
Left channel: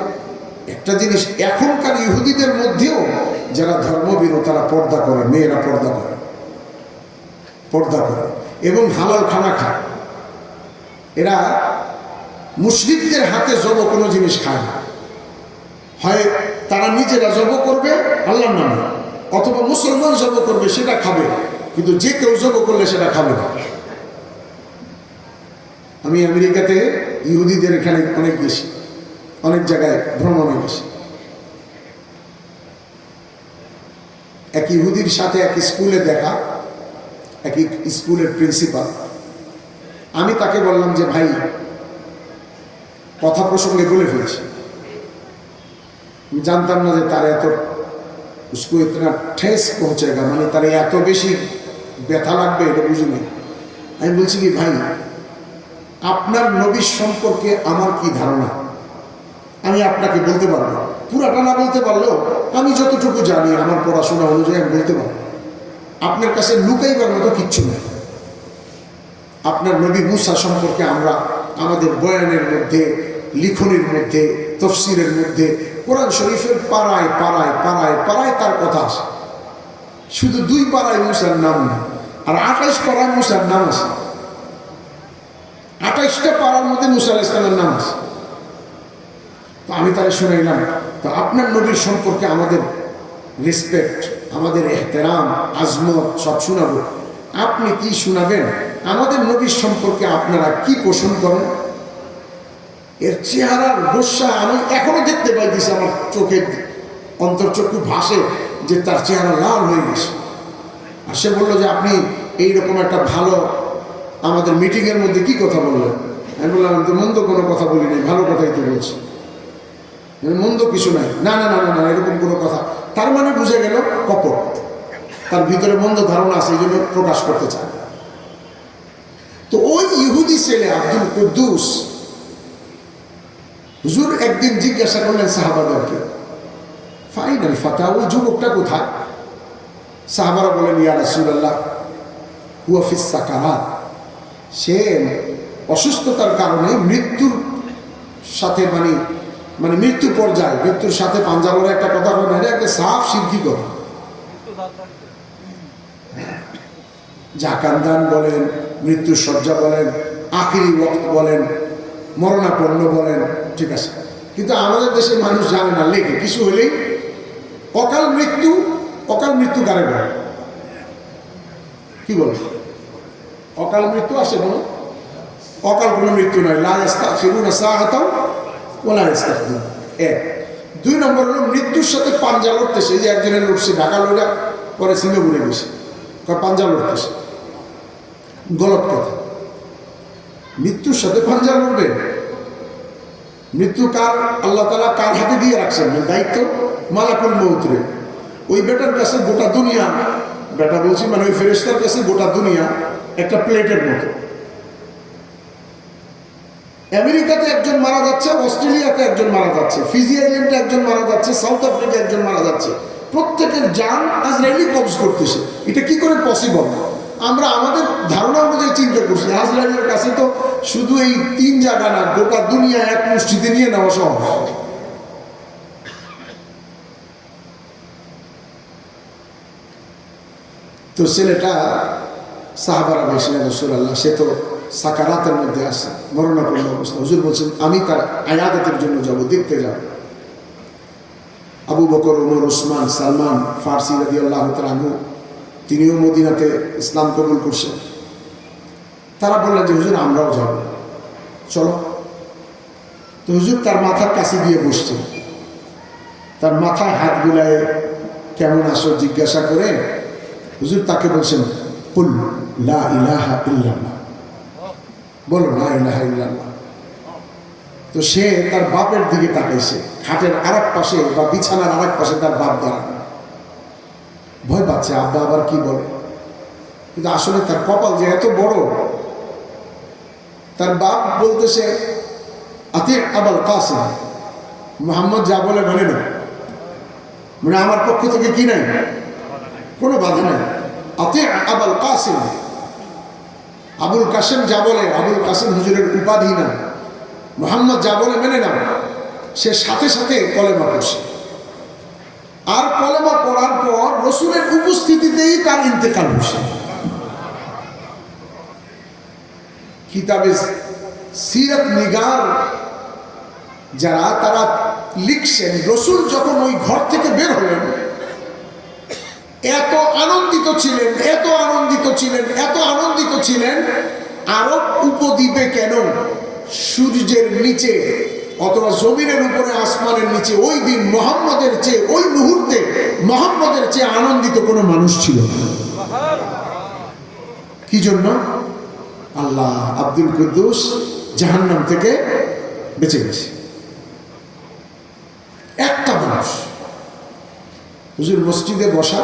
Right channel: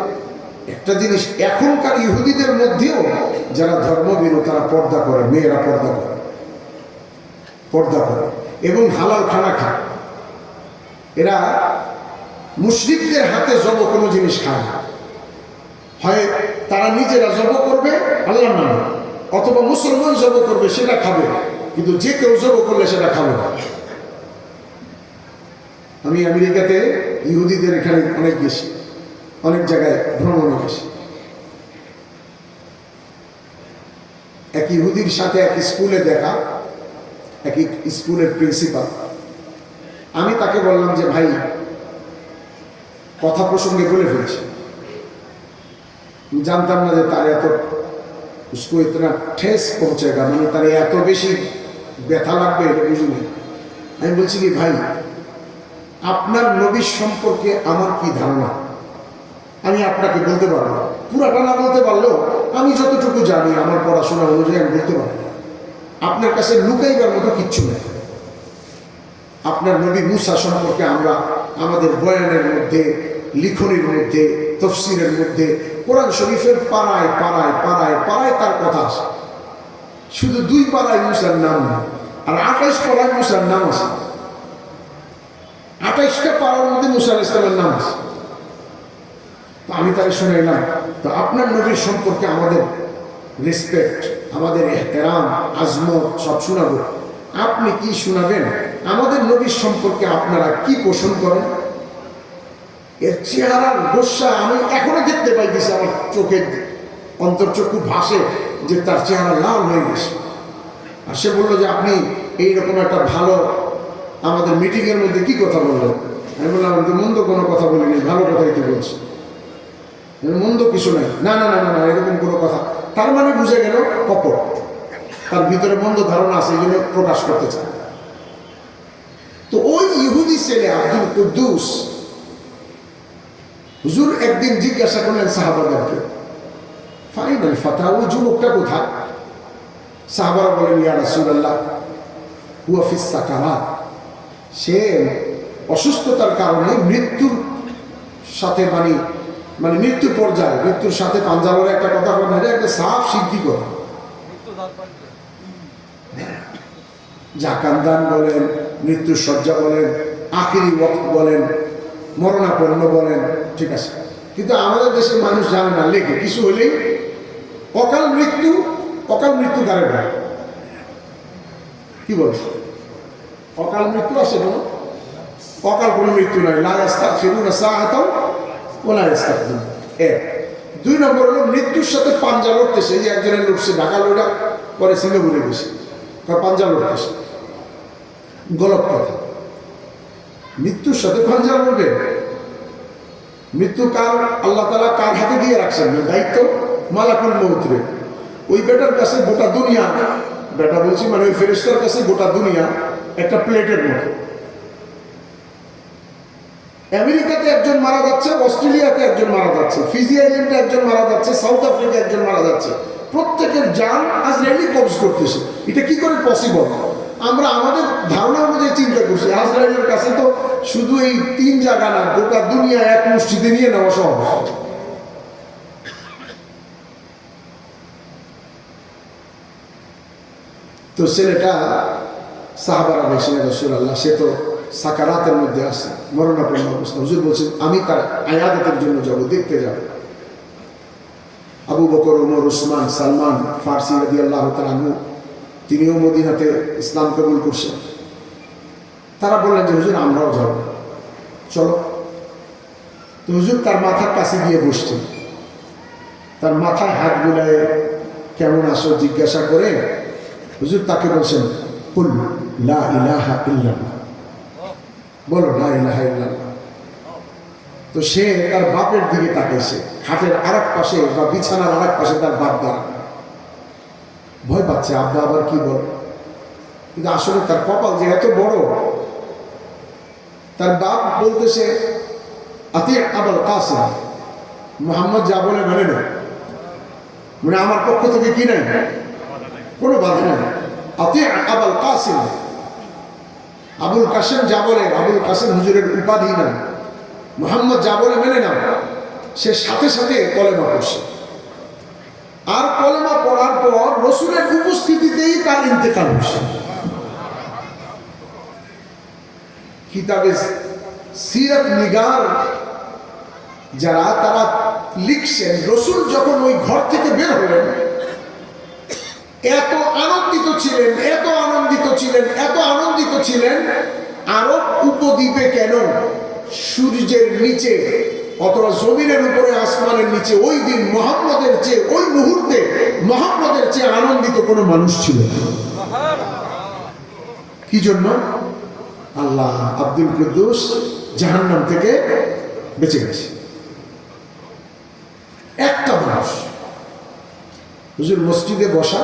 একটা জিনিস, এখনকার ইহুদিদের মধ্যেও যারা ধর্মভীরু তারা পর্দা করে, মেয়েরা পর্দা করে, পর্দা করে এবং হালাল খানা খায়। এরা মুশরিকদের হাতে জব কোনো জিনিস খায় না। হয় তারা নিজেরা জব করবে আল্লাহর নামে, অথবা মুসলমান জব করবে সেটা খাবে, কিন্তু যে কেউ জব করলে সেটা খাবে না। আমি আমেরিকাতে ইহুদিদের এখানে অনেক বেশি, অনেক জায়গায় ভ্রমণে গেছি। এক ইহুদির সাথে এক স্কুলে দেখা, এক স্কুলের প্রিন্সিপাল। আমি তাকে বললাম যে ভাই, কথা প্রসঙ্গে বলে ফেলছি, আমি জানতাম না যে তার এত उसको इतना ठेस पहुंचेगा, মানে তার এত বেশি ব্যথা লাগবে এটা বুঝিনি। আমি বলছি কি ভাই, আপনার নবী সম্পর্কে আমার কি ধারণা আমি আপনাকে বলতে পারবো, পুরাটা না বলতে পারলেও আমি যতটুকু জানি আমার পড়াশোনা অনুযায়ী আমি বলতে পারবো। আপনার কাছে লুকাইবার মতো কিচ্ছু নেই। আপনার নবী মুসা সম্পর্কে আমরা আমাদের বয়ানের মধ্যে, লিখনের মধ্যে, তফসিরের মধ্যে, কোরআন শরীফের পাড়ায় পাড়ায় পাড়ায় পাড়ায় তার কথা আছে। শুধু 2 পাড়ায় মুসার নাম নেই, আর 28 পাড়ায় মুসার নাম আছে। 28টা পাড়ার মধ্যে মুসা আলাইহিস সালামের নাম আছে। তো আমি তাই শুনাইলাম, তো আপনার নবীর সম্পর্কে আমাদের রেসপেক্ট, আমাদের এহতেরাম, আজমত সব শোনাবো, আপনি কি শোনাবেন? আমাদের নবীর সম্পর্কে আপনারা কি পোষণ করেন? এর চেহারার গোস্বা আমি এখনো দেখতে পাইতেছি, আমার চোখের অন্তর্চক্ষু ভাসে যে তার চেহারা লাল হয়ে গেছে। আর সে বললো যে আপনি এইরকম একটা ভালো আমাদের মিটিংয়ের মধ্যে কি কথা বললেন? আমি বললাম তো মন্দ কোনো কথা বলিনি, ভালো কথাই তো বলছি, মন্দ কিছু নাই। না না না না না, এরকম কোনো কথা। তার মানে বুঝে গেল কপট, তার ভিতরে মন্দ ধারণা আছে, এই জন্য প্রকাশ করতে চায়। তো ওই ইহুদি ছেলে আব্দুল কুদ্দুস, হুজুর একদিন জিজ্ঞাসা করলেন সাহাবাদেরকে, ফাইনাল ফাতা, ওই যুবকটা কোথায়? সাহাবারা বলেন, ইয়া রাসূলুল্লাহ হুয়া ফিস সাকারাত, সে অসুস্থতার কারণে মৃত্যুর সাথে মানে মৃত্যুর পর্যায়ে, মৃত্যুর সাথে পাঞ্জাবের একটা কথা বলে, এটা একটা সাফ সিদ্ধি কথা। জাকান্দান বলেন, মৃত্যুর শয্যা বলেন, আখিরি ওয়াক্ত বলেন, মরণাপন্ন বলেন, ঠিক আছে। কিন্তু আমাদের দেশের মানুষ জানে না, লেখে কিছু হলেই অকাল মৃত্যু। অকাল মৃত্যু কারে বলে? কি বলে? অকাল মৃত্যু আছে কোনো? অকাল কোনো মৃত্যু নাই। লা ইস্তাখিরুনা সাআতাও ওয়া লা ইস্তাকদিমুন। 1 2 নম্বর হলো মৃত্যুর সাথে পাঞ্জা লড়তেছে। এই যে একজনের লড়ছে, ঢাকা লড়া পরে সিঙ্গাপুরে গেছে, পাঞ্জা লড়তেছে, গলত কথা। মৃত্যুর সাথে পাঞ্জা লড়বে? মৃত্যু কার? আল্লাহ তাআলা কার হাতে দিয়ে রাখছেন দায়িত্ব? মালাকুল মউত রে। ওই বেটার কাছে গোটা দুনিয়া, বেটা বলছি মানে ওই ফেরেশতার কাছে গোটা দুনিয়া একটা প্লেটের মতো। আমেরিকাতে একজন মারা যাচ্ছে, অস্ট্রেলিয়াতে একজন মারা যাচ্ছে, ফিজি আইল্যান্ডে একজন মারা যাচ্ছে, সাউথ আফ্রিকা একজন মারা যাচ্ছে। প্রত্যেকের জান আজরাইলি কবজ করতেছে। এটা কি করে পসিবল? আমরা আমাদের ধারণা অনুযায়ী চিন্তা করছি। আজরাইলের কাছে তো শুধু এই 3 জায়গা না, গোটা দুনিয়া এক মুষ্টিতে নিয়ে নেওয়া সহজ। তো ছেলেটা সাহাবারা বলছেন, রাসূলুল্লাহ সে তো সাকারাতের মধ্যে আছে, মরণাপন্ন অবস্থা। হুজুর বলছেন আমি তার আয়াদাতের জন্য যাব, দেখতে যাব। আবু বকর, ওমর, উসমান, সালমান ফারসি রাদিয়াল্লাহু তাআলা আনহু, তিনিও মদিনাতে ইসলাম কবুল করছেন। তারা বললেন যে হুজুর আমরাও যাব, চলো। তো হুজুর তার মাথার কাছে গিয়ে বসছেন, তার মাথায় হাত বুলায় কেমন আসো জিজ্ঞাসা করে হুজুর তাকে বলছেন, কুল লা ইলাহা ইল্লাল্লাহ, বলো লা ইলাহা ইল্লাল্লাহ। তো সে তার বাপের দিকে তাকাইছে, খাটের আরেক পাশে বা বিছানার আরেক পাশে তার বাপ দাঁড়ানো। ভয় পাচ্ছে আব্বা আবার কি বলে। কিন্তু আসলে তার কপাল যে এত বড়, তার বাপ বলতেছে আতি আবুল কাসিম, মুহাম্মদ যা বলে মানে না, মানে আমার পক্ষ থেকে কি নাই, কোনো বাধা নাই। আতি আবুল কাসিম, আবুল কাসেম যা বলে, আবুল কাসেম হুজুরের উপাধি না, মুহাম্মদ যা বলে মেনে নাও। সে সাথে সাথে কলেমা পড়ছে। আর কলেমা পড়ার পর রসুলের উপস্থিতিতেই তার ইন্তেকাল হয়েছে। কিতাবে সিরাত নিগার যারা, তারা লিখছেন রসুল যখন ওই ঘর থেকে বের হলেন এত আনন্দিত ছিলেন, এত আনন্দিত ছিলেন, এত আনন্দিত ছিলেন, আরব উপদ্বীপে কেন সূর্যের নিচে অথবা জমিনের উপরে আসমানের নিচে ওই দিন মুহাম্মদের চেয়ে, ওই মুহূর্তে মুহাম্মদের চেয়ে আনন্দিত কোনো মানুষ ছিল না। কি জন্য? আল্লাহ আব্দুল কুদ্দুস জাহান্নাম থেকে বেঁচে গেছে। একটা মানুষ। হুজুর মসজিদে বসা,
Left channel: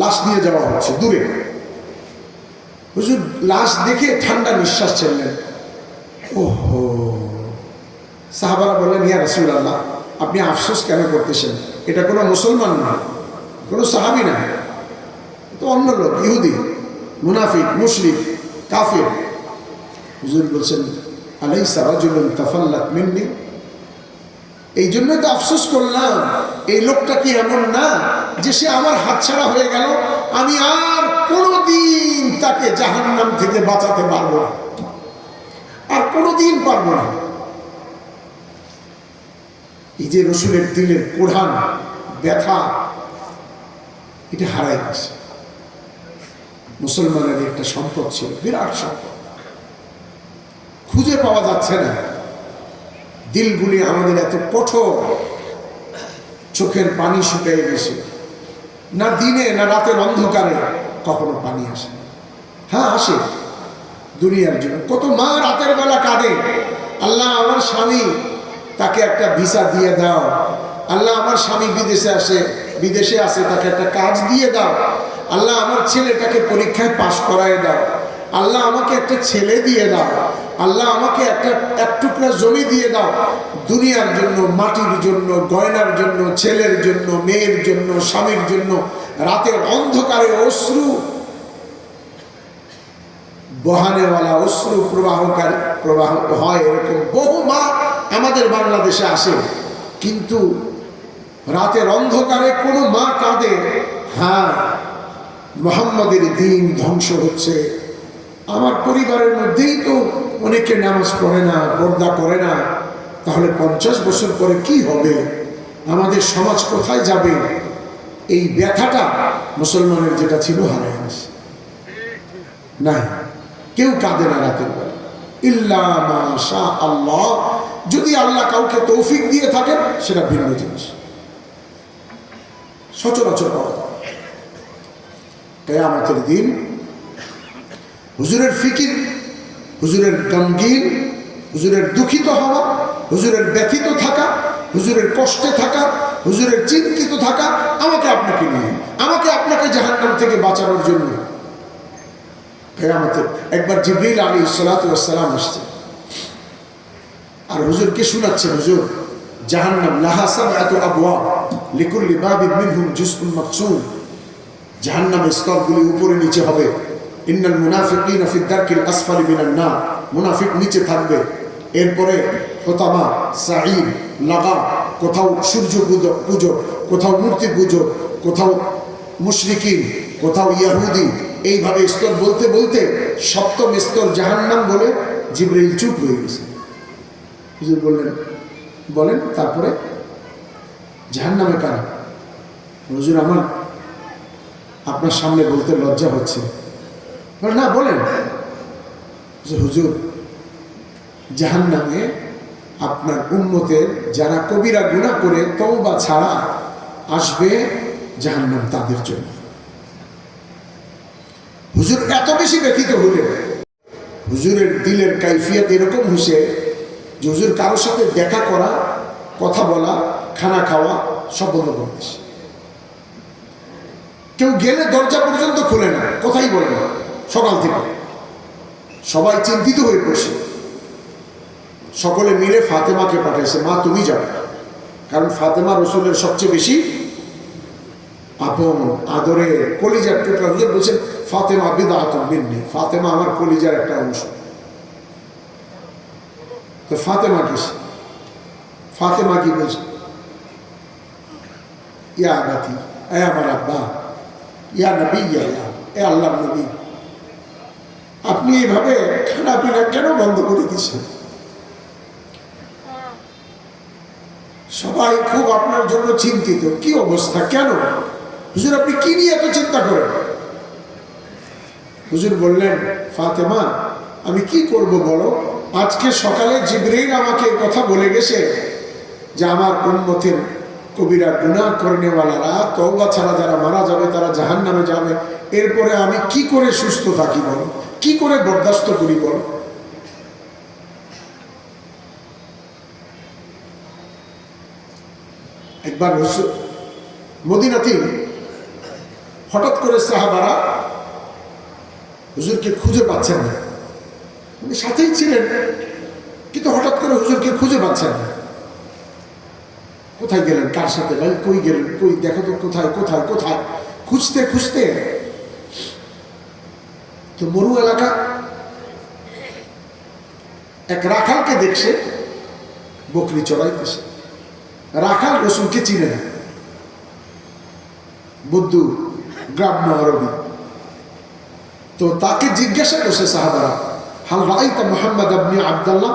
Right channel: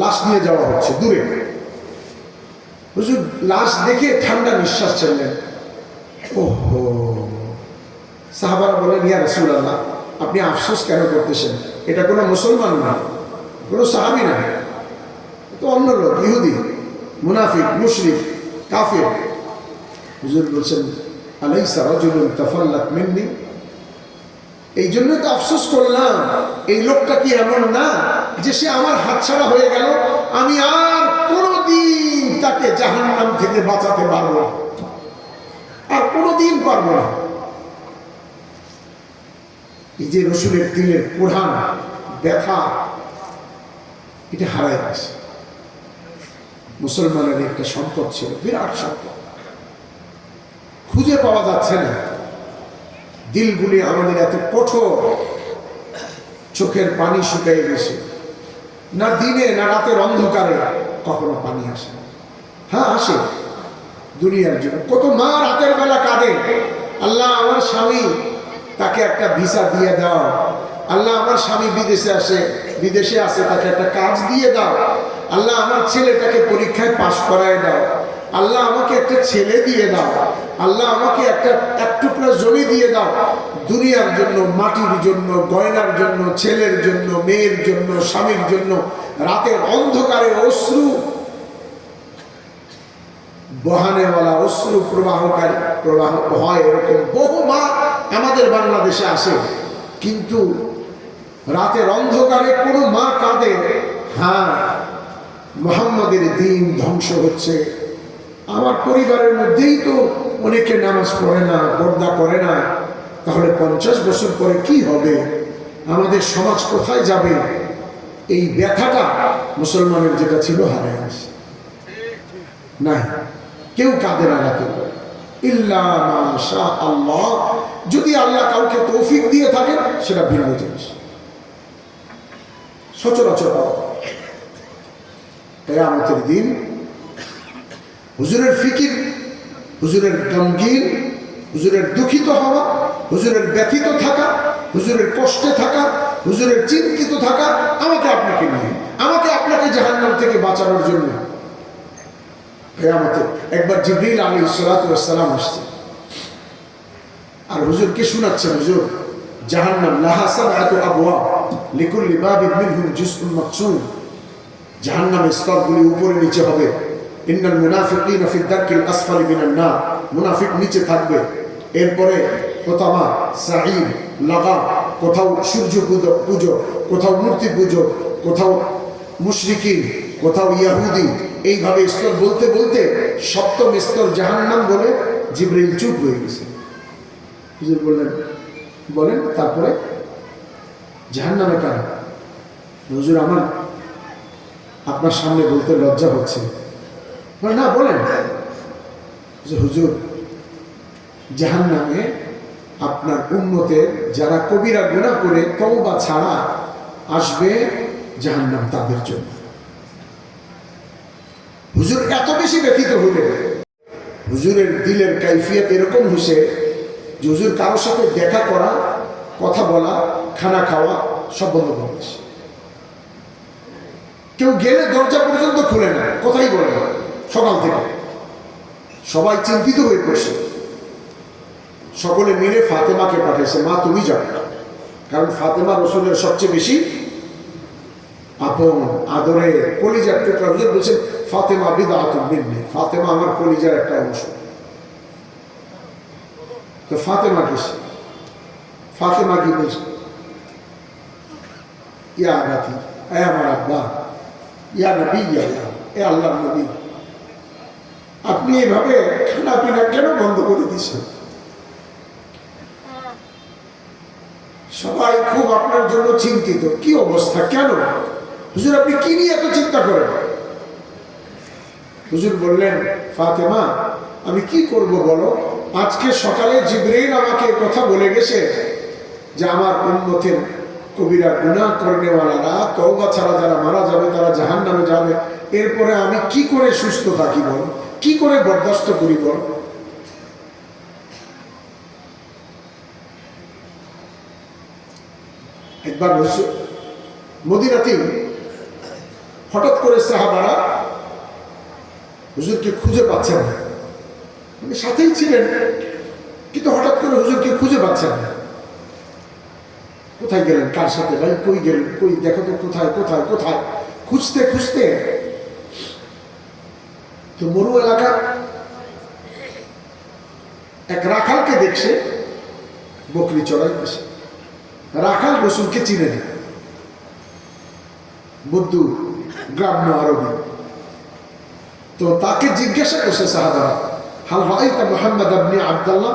লাশ নিয়ে যাওয়া হচ্ছে দূরে। হুজুর লাশ দেখে ঠান্ডা নিঃশ্বাস ছেড়লেন। ওহো, সাহাবারা বলেন, ইয়া রাসূলুল্লাহ, আপনি আফসোস কেন করতেছেন? এটা কোনো মুসলমান না, কোনো সাহাবী না, তো অন্য লোক, ইহুদি, মুনাফিক, মুশরিক, কাফির। হুজুর বলছেন, আলাইসা রাজুলুন তাফাল্লাত মিন্নি, এই জন্য তো আফসোস করলাম, এই লোকটা কি এমন না যে সে আমার হাতছাড়া হয়ে গেল, আমি আর কোনোদিন তাকে জাহান্নাম থেকে বাঁচাতে পারবো না, আর কোনোদিন পারবো না। এই যে রসুলের দিলের কোরআন ব্যথা, এটা হারাই গেছে। মুসলমানের একটা সম্পদ ছিল, বিরাট সম্পদ, খুঁজে পাওয়া যাচ্ছে না। দিলগুলি আমাদের এত কঠোর, চোখের পানি শুকিয়ে গেছে, না দিনে না রাতের অন্ধকারে কখনো পানি আসে। হ্যাঁ আসে, দুনিয়ার জন্য। কত মা রাতের বেলা কাঁদে, আল্লাহ আমার স্বামী, তাকে একটা ভিসা দিয়ে দাও। আল্লাহ আমার স্বামী বিদেশে আসে, তাকে একটা কাজ দিয়ে দাও। আল্লাহ আমার ছেলেটাকে পরীক্ষায় পাশ করায় দাও। আল্লাহ আমাকে একটা ছেলে দিয়ে দাও। আল্লাহ আমাকে এক টুকরা জমি দিয়ে দাও। দুনিয়ার জন্য, মাটির জন্য, গয়নার জন্য, ছেলের জন্য, মেয়ের জন্য, স্বামীর জন্য রাতের অন্ধকারে অশ্রু বহানেওয়ালা, অশ্রু প্রবাহিত হয়। এরকম বহু মা আমাদের বাংলাদেশে আসে, কিন্তু রাতের অন্ধকারে কোনো মা কাঁদে, হ্যাঁ মুহাম্মাদের দ্বীন ধ্বংস হচ্ছে, আমার পরিবারের মধ্যেই তো অনেকে নামাজ পড়ে না, পর্দা করে না, তাহলে 50 বছর পরে কি হবে, আমাদের সমাজ কোথায় যাবে? এই ব্যথাটা মুসলমানের যেটা ছিল হারায় গেছে। না, কেউ কাঁদে না রাতের বেলা, ইল্লা মা শা আল্লাহ। যদি আল্লাহ কাউকে তৌফিক দিয়ে থাকে সেটা ভিন্ন জিনিস, সচরাচর পাওয়া যায়। কিয়ামতের দিন হুজুরের ফিকির, হুজুরের গমগীন, হুজুরের দুঃখিত হওয়া, হুজুরের ব্যথিত থাকা, হুজুরের কষ্টে থাকা, হুজুরের চিন্তিত থাকা, আমাকে আপনাকে নিয়ে, আমাকে আপনাকে জাহান্নাম থেকে বাঁচানোর জন্য। কিয়ামতে একবার জিবরিল আলাইহিস সালাতু ওয়াস সালাম আসছে, আর হুজুরকে শোনাচ্ছেন, হুজুর জাহান্নাম লাহা সাবআতু আবওয়াব লিকুল্লি বাবিন মিনহুম জুজউন মাকসুম। জাহান্নামের স্তরগুলি উপরে নিচে হবে। ইন্নাল মুনাফিকিনা ফি দারকিল আসফালি মিনান নার, মুনাফিক নিচে থাকবে। এরপরে হোতামা, সাঈদ, লাগা, কোথাও সূর্য পুজো, কোথাও মূর্তি পুজো, কোথাও মুশরিকিন, কোথাও ইহুদি, এইভাবে স্তর বলতে বলতে সপ্তম স্তর জাহান্নাম বলে জিবরিল চুপ হয়ে গেছে। হুজুর বললেন, বলেন তারপরে জাহান্নামে কারা? হুজুর আমার আপনার সামনে বলতে লজ্জা হচ্ছে। না বলেন। হুজুর জাহান্নামে আপনার উম্মতের যারা কবিরা গুনাহ করে তওবা ছাড়া আসবে, জাহান্নাম তাদের জন্য। হুজুর এত বেশি ব্যথিত হলেন, হুজুরের দিলের কাইফিয়ত এরকম হয়েছে যে হুজুর কারোর সাথে দেখা করা, কথা বলা, খানা খাওয়া সব বন্ধ করে দিয়েছে। কেউ গেলে দরজা পর্যন্ত খুলে না, কথাই বলে না সকাল থেকে। সবাই চিন্তিত হয়ে পড়ছে। সকলে মিলে ফাতেমাকে পাঠাইছে, মা তুমি যাও, কারণ ফাতেমা রসুলের সবচেয়ে বেশি আপন, আদরের, কলিজার টুকরা। হুজুর বলছেন ফাতেমা বিদআতুম মিন্নি, ফাতেমা আমার কলিজার একটা অংশ। তো ফাতেমা গেছে, ফাতেমা কি বলছে, ইয়া আবাতি, এ আমার আব্বা, ইয়া নবী আল্লাহ, এ আল্লাহর নবী, আপনি এইভাবে খানা পিনা কেন বন্ধ করে দিচ্ছেন? সবাই খুব আপনার জন্য চিন্তিত, কি অবস্থা, কেন? হুজুর আপনি কি নিয়ে এত চিন্তা করেন? হুজুর বললেন, ফাতেমা আমি কি করব বলো, আজকে সকালে জিবরাইল আমাকে কথা বলে গেছে যে আমার উম্মতের কবিরা গুনাহ করনেওয়ালারা, তওবা ছাড়া যারা মারা যাবে তারা জাহান্নামে যাবে। এরপরে আমি কি করে সুস্থ থাকি বল, কি করে বরদাস্ত করি বল? একবার মদিনাতে হঠাৎ করে সাহাবারা হুজুরকে খুঁজে পাচ্ছেন না, উনি সাথেই ছিলেন কিন্তু হঠাৎ করে হুজুরকে খুঁজে পাচ্ছেন না। কোথায় গেলেন, কার সাথে, ভাই কই গেলেন, কই দেখো তো, কোথায় কোথায় কোথায়, খুঁজতে খুঁজতে তো মরু এলাকা এক রাখালকে দেখছে বকরি চড়াইতেছে। রাখাল রসুলকে চিনে না, বুদ্ধু গ্রাম্য আরবি। তো তাকে জিজ্ঞাসা করছে সাহাবারা, হাল রাআইতা মুহাম্মদ ইবনে আব্দুল্লাহ,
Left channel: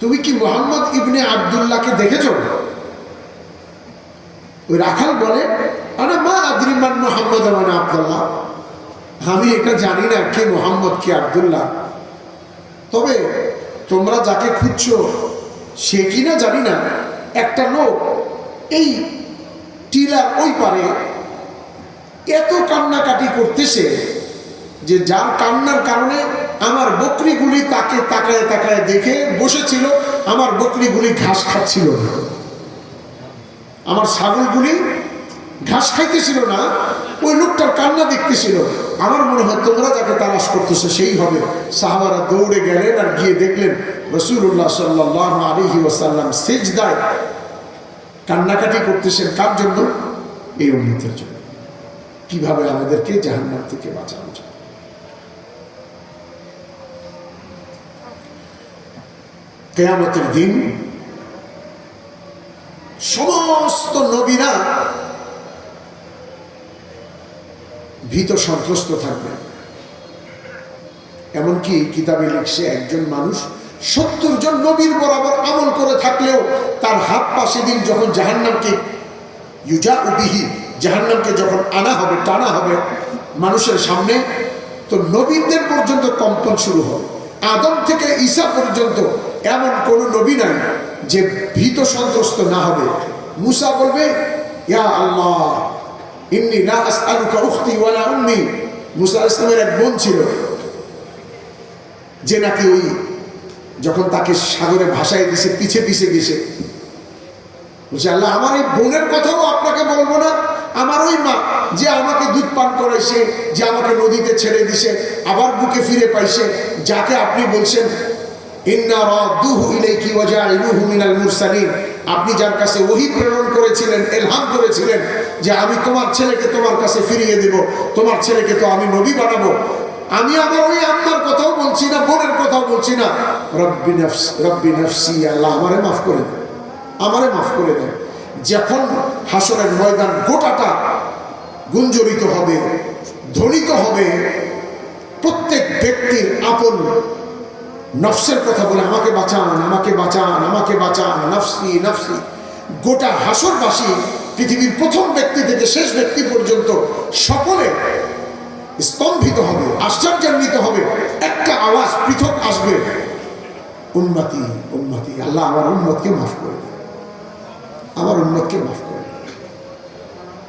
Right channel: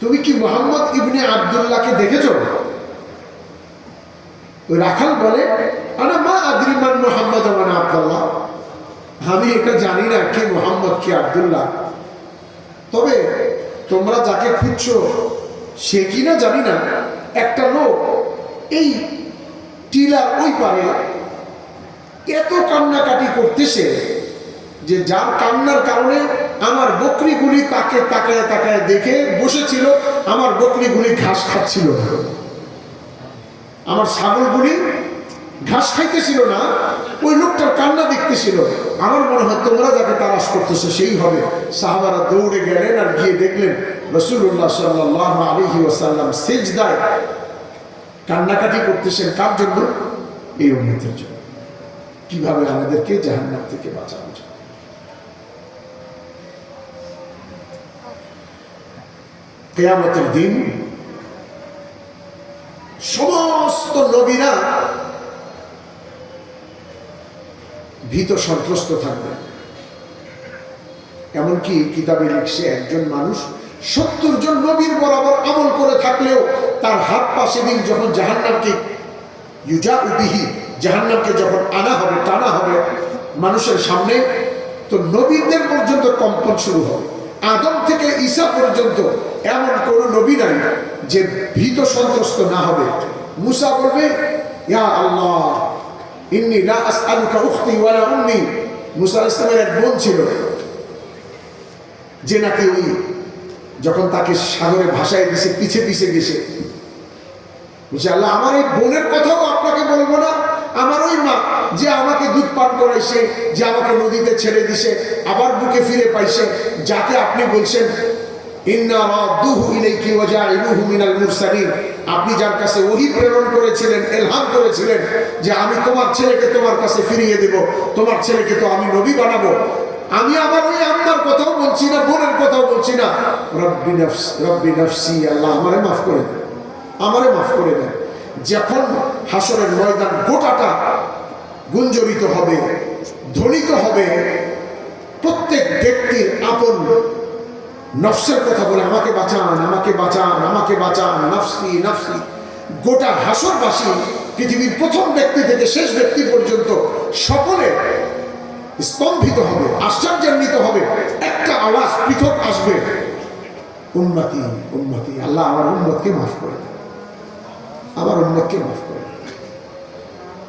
তুমি কি মুহাম্মদ ইবনে আব্দুল্লাহকে দেখেছো? ওই রাখাল বলে, আরে মা আদরি মান মুহাম্মদ ওয়া মান আব্দুল্লাহ, আমি এটা জানি না কে মুহাম্মদ কে আব্দুল্লাহ, তবে তোমরা যাকে খুঁজছো সে কিনা জানি না। একটা লোক এই টিলার ওই পারে এত কান্নাকাটি করতেছে যে যার কান্নার কারণে আমার বকরিগুলি তাকে তাকায় তাকায় দেখে বসেছিল, আমার বকরিগুলি ঘাস খাচ্ছিল না, আমার ছাগলগুলি ঘাস খাইতেছিল না, ওই লোকটার কান্না দেখতেছিল। আমার মনে হয় তোমরা যাকে তালাশ করতেছে সেই হবে। সাহাবারা দৌড়ে গেলেন আর গিয়ে দেখলেন রাসূলুল্লাহ সাল্লাল্লাহু আলাইহি ওয়াসাল্লাম সিজদায় কান্নাকাটি করতেছেন। কার জন্য? এই উম্মতের জন্য, কিভাবে আমাদেরকে জাহান্নাম থেকে বাঁচানো যায়। কিয়ামতের দিন সমস্ত নবীরা ভীত সন্ত্রস্ত থাকবে। এমনকি কিতাবে লিখছে একজন মানুষ 70 জন নবীর বরাবর আমল করে থাকলেও তার হাত পা সেদিন যখন জাহান্নামকে ইউজাউ বিহি, জাহান্নামকে যখন আনা হবে, টানা হবে মানুষের সামনে, তো নবীদের পর্যন্ত কম্পন শুরু হবে। আদম থেকে ঈসা পর্যন্ত এমন কোন নবী নাই যে ভীত সন্ত্রস্ত না হবে। মুসা বলবে, ইয়া আল্লাহ ইন্নী লা আসআলুকা উখতি ওয়ালা উম্মি। মুসা আলাইহিস সালামের এক বোন ছিল যে নাকি ওই যখন তাকে সাগরে ভাসায় দিয়েছে পিছে পিছে গেছে, বলছে আল্লাহ আমার এই বোনের কথাও আপনাকে বলবো না, আমার ওই মা যে আমাকে দুধ পান করাইছে, যে আমাকে নদীতে ছেড়ে দিছে, আবার বুকে ফিরে পাইছে, যাকে আপনি বলছেন ইন্না রাদুহু ইলাইকি ওয়া জাইলুহু মিনাল মুরসালিন, আপনি যার কাছে ওহী প্রেরণ করেছিলেন, ইলহাম করেছিলেন যে আমি তোমার ছেলেকে তোমার কাছে ফিরিয়ে দেব, তোমার ছেলেকে তো আমি নবী বানাবো, আমি আমার ওই আম্মার কথাও বলছি না, বোনের কথাও বলছি না। রব্বি নফসি, আল্লাহ আমারে মাফ করে দেন, আমারে মাফ করে দেন। যখন হাসরের ময়দান গোটাটা গুঞ্জরিত হবে, ধ্বনিত হবে, প্রত্যেক ব্যক্তির আপন নফসের কথা বলে আমাকে বাঁচান, আমাকে বাঁচান, আমাকে বাঁচান, নফসি নফসি। গোটা হাসরবাসী পৃথিবীর প্রথম ব্যক্তি থেকে শেষ ব্যক্তি পর্যন্ত সকলে স্তম্ভিত হবে, আশ্চর্যান্বিত হবে। একটা আওয়াজ পৃথক আসবে, উম্মতি উম্মতি, আল্লাহ আমার উম্মতকে মাফ করে দেন, আমার উম্মতকে মাফ করে দেন।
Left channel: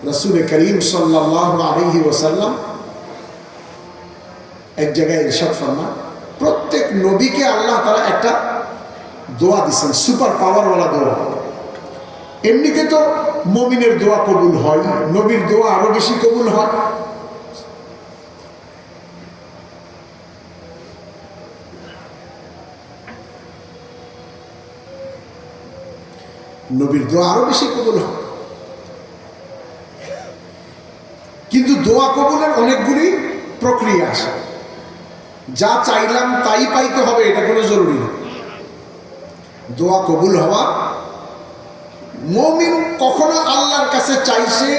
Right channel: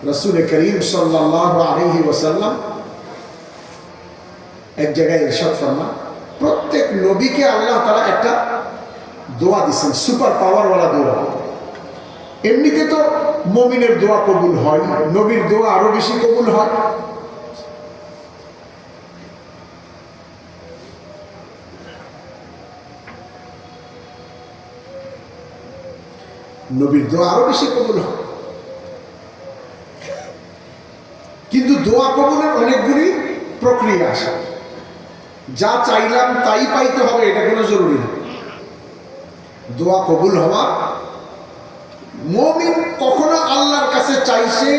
রাসূল করিম সাল্লাল্লাহু আলাইহি ওয়াসাল্লাম এক জায়গায় ইরশাদ ফরমান, প্রত্যেক নবীকে আল্লাহ তাআলা একটা দোয়া দিয়েছেন, সুপার পাওয়ারওয়ালা দোয়া। এমনিতে তো মুমিনের দোয়া কবুল হয়, নবীর দোয়া আরো বেশি কবুল হয়। নবীর দোয়া আরো বেশি কবুল হয়, কিন্তু দোয়া কবুলের অনেকগুলি প্রক্রিয়া আছে। যা চাইলাম তাই পাইতে হবে এটা কোনো জরুরি না। দোয়া কবুল হওয়া, মুমিন কখনো আল্লাহর কাছে চাইছে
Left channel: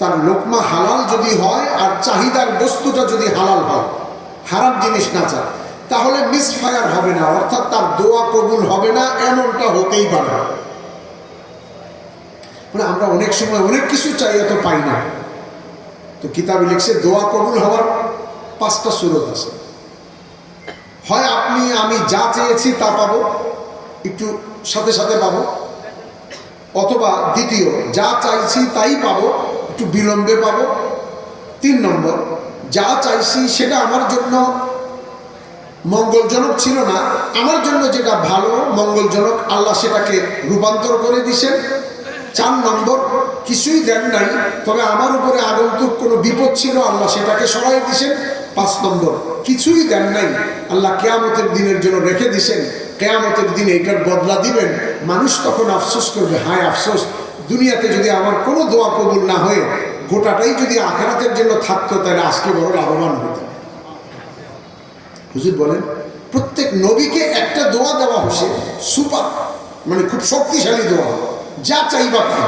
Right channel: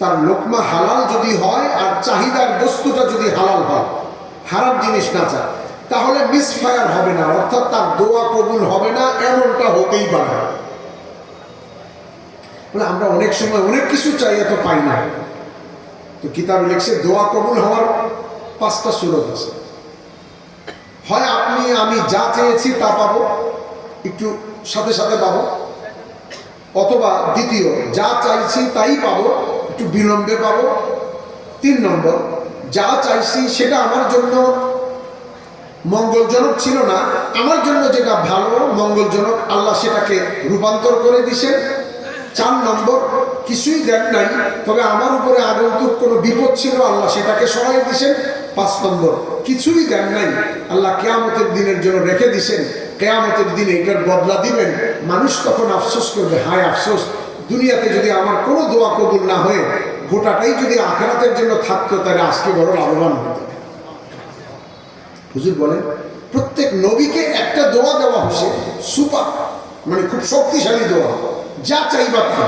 তার লোকমা হালাল যদি হয় আর চাহিদার বস্তুটা যদি হালাল হয়, হারাম জিনিস না চায়, তাহলে মিসফায়ার হবে না, অর্থাৎ তার দোয়া কবুল হবে না, এমনটা হতেই পারে। আমরা অনেক সময় অনেক কিছু চাই, এত পাই না। তো কিতাবে লিখছে দোয়া কবুল হওয়ার 5টা সুরত আছে। হয় আপনি আমি যা চেয়েছি তা পাবো, একটু সাথে সাথে পাবো, অথবা দ্বিতীয় যা চাইছি তাই পাবো, একটু বিলম্বে পাবো। 3 নম্বর, যা চাইছি সেটা আমার জন্য মঙ্গলজনক ছিল না, আমার জন্য যেটা ভালো মঙ্গলজনক আল্লাহ সেটাকে রূপান্তর করে দিছেন। 4 নম্বর, কিছুই দেন নাই, তবে আমার উপরে আগন্তুক কোনো বিপদ ছিল, আল্লাহ সেটাকে সরাই দিছেন। 5 নম্বর, কিছুই দেন নাই, আল্লাহ কিয়ামতের দিনের জন্য রেখে দিছেন, কিয়ামতের দিনে এটার বদলা দিবেন। মানুষ তখন আফসোস করবে, হায় আফসোস, দুনিয়াতে যদি আমার কোনো দোয়া কবুল না হয়ে গোটাটাই যদি আখিরাতের জন্য থাকতো, তাহলে আজকে বড় লাভবান হতো। হুজুর বলেন, প্রত্যেক নবীকে একটা দোয়া দেওয়া হয়েছে, সুপার, মানে খুব শক্তিশালী দোয়া, যা চাইবা তা।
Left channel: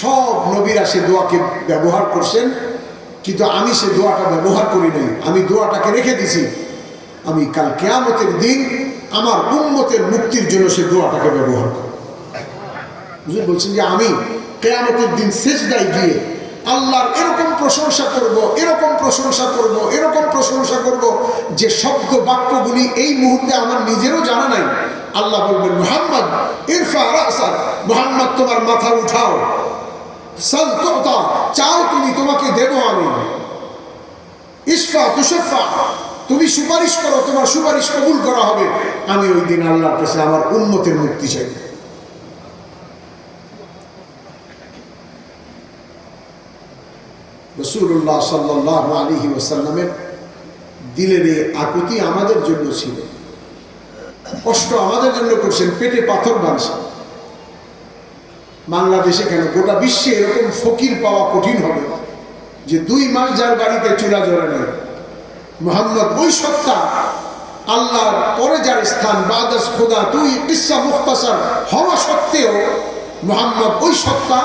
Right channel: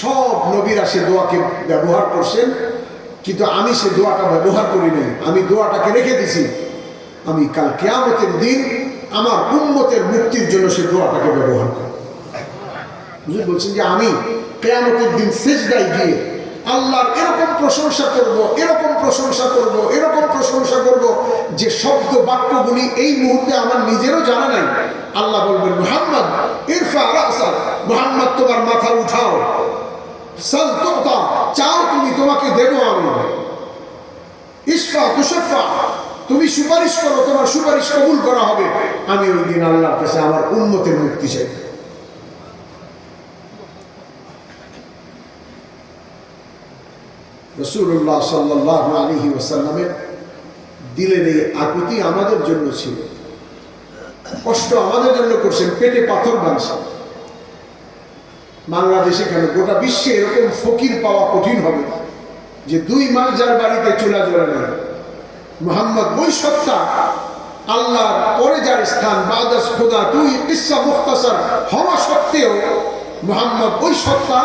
সব নবীরা সে দোয়াকে ব্যবহার করছেন, কিন্তু আমি সে দোয়াটা ব্যবহার করি নাই। আমি দোয়াটাকে রেখে দিছি, আমি কাল কিয়ামতের দিন আমার উম্মতের মুক্তির জন্য সে দোয়াটাকে ব্যবহার করি। হুজুর বলছেন যে আমি কিয়ামতের দিন সিজদায় গিয়ে আল্লাহর এরকম প্রশংসা করব, এরকম প্রশংসা করব, এরকম প্রশংসা করব যে শব্দ বাক্যগুলি এই মুহূর্তে আমার নিজেরও জানা নাই। আল্লাহ বলবেন, মুহাম্মদ ইরফা রাসাক, মুহাম্মদ তোমার মাথা উঠাও, সাল তুতা, চাও তুমি তোমাকে দেব আমি, ইশফা তুশফা, তুমি সুপারিশ করো তোমার সুপারিশ কবুল করা হবে। আমি ওই দিন আল্লাহর কাছে আমার উম্মতের মুক্তি চাই। রাসূলুল্লাহ সাল্লাল্লাহু আলাইহি ওয়াসাল্লামের দিলের এই আকুতি আমাদের জন্য ছিল, কষ্ট আমাদের জন্য করছেন, পেটে পাথর বাঁধছেন। বাংলাদেশে কেন, গোটা বিশ্বে এরকম ফকির পাওয়া কঠিন হবে যে 2 মাস যার বাড়িতে চুলা জ্বলে নেই। মুহাম্মদ ওই সত্তা, আল্লাহর পরে যার স্থান, বাদাস খোদা, 2 কিসসা মুখতাসার হওয়া সত্ত্বেও মুহাম্মদ ওই সত্তা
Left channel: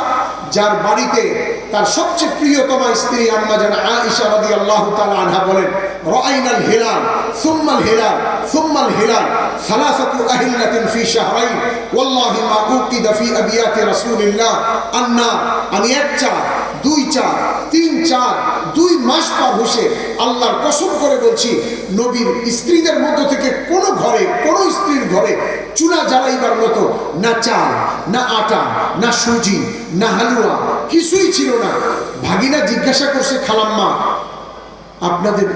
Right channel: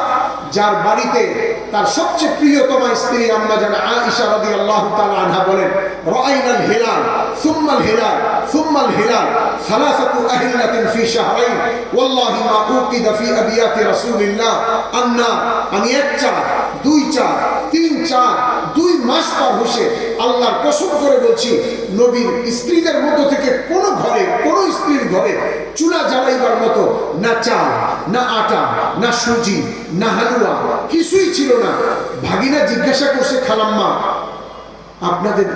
যার বাড়িতে তার সবচেয়ে প্রিয়তমা স্ত্রী আম্মা জান আয়েশা রাদিয়াল্লাহু তাআলা আনহা বলেন, রাআইনাল হিলাল সুম্মাল হিলাল সুম্মাল হিলাল সালাসাতু আহিল্লাতিন ফি শাহরাইন ওয়াল্লাহি মা উকিদা ফি আবিয়াতি রাসূলিল্লাহ আন্না, আমি 1 4 2 4 3 4 2 মাস পর বসে আল্লাহর কসম করে বলছি, নবীর স্ত্রীদের মধ্যে থেকে কোন ঘরে, কোন স্ত্রীর ঘরে চুলা জ্বালাইবার মতো না চাল, না আটা, না সুজি, না হালুয়া, কিছুই ছিল না। ভাগিনা জিজ্ঞাসা করছে, খালাম্মা আপনাদের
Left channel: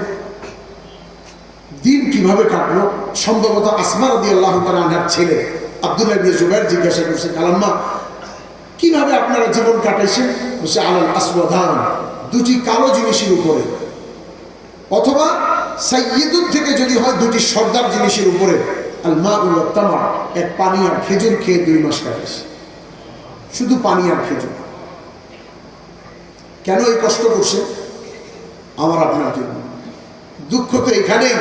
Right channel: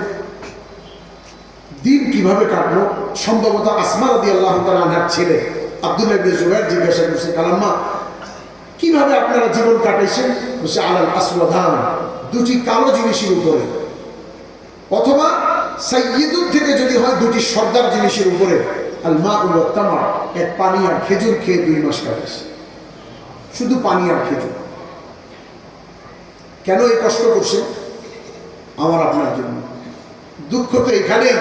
দিন কিভাবে কাটলো? সম্ভবত আসমা রাদিয়াল্লাহু তাআলা আনহার ছেলে আব্দুল্লাহ ইবনে জুবাইর জিজ্ঞাসা করছে, খালাম্মা কিভাবে আপনারা জীবন কাটাইছেন? বলছে, আলাল আসওয়াদান, 2টি কালো জিনিসের উপরে, অথবা সাইয়্যিদুর থেকে যদি হয় 2টি সর্দার জিনিসের উপরে, আল মা ওয়াত তামার, এক পানি আর খেজুর খেয়ে 2 মাস কাটাইছে, শুধু পানি আর খেজুর। কেন এই কষ্ট করছে? আমার আপনার জন্য। দুঃখ তো এখানেই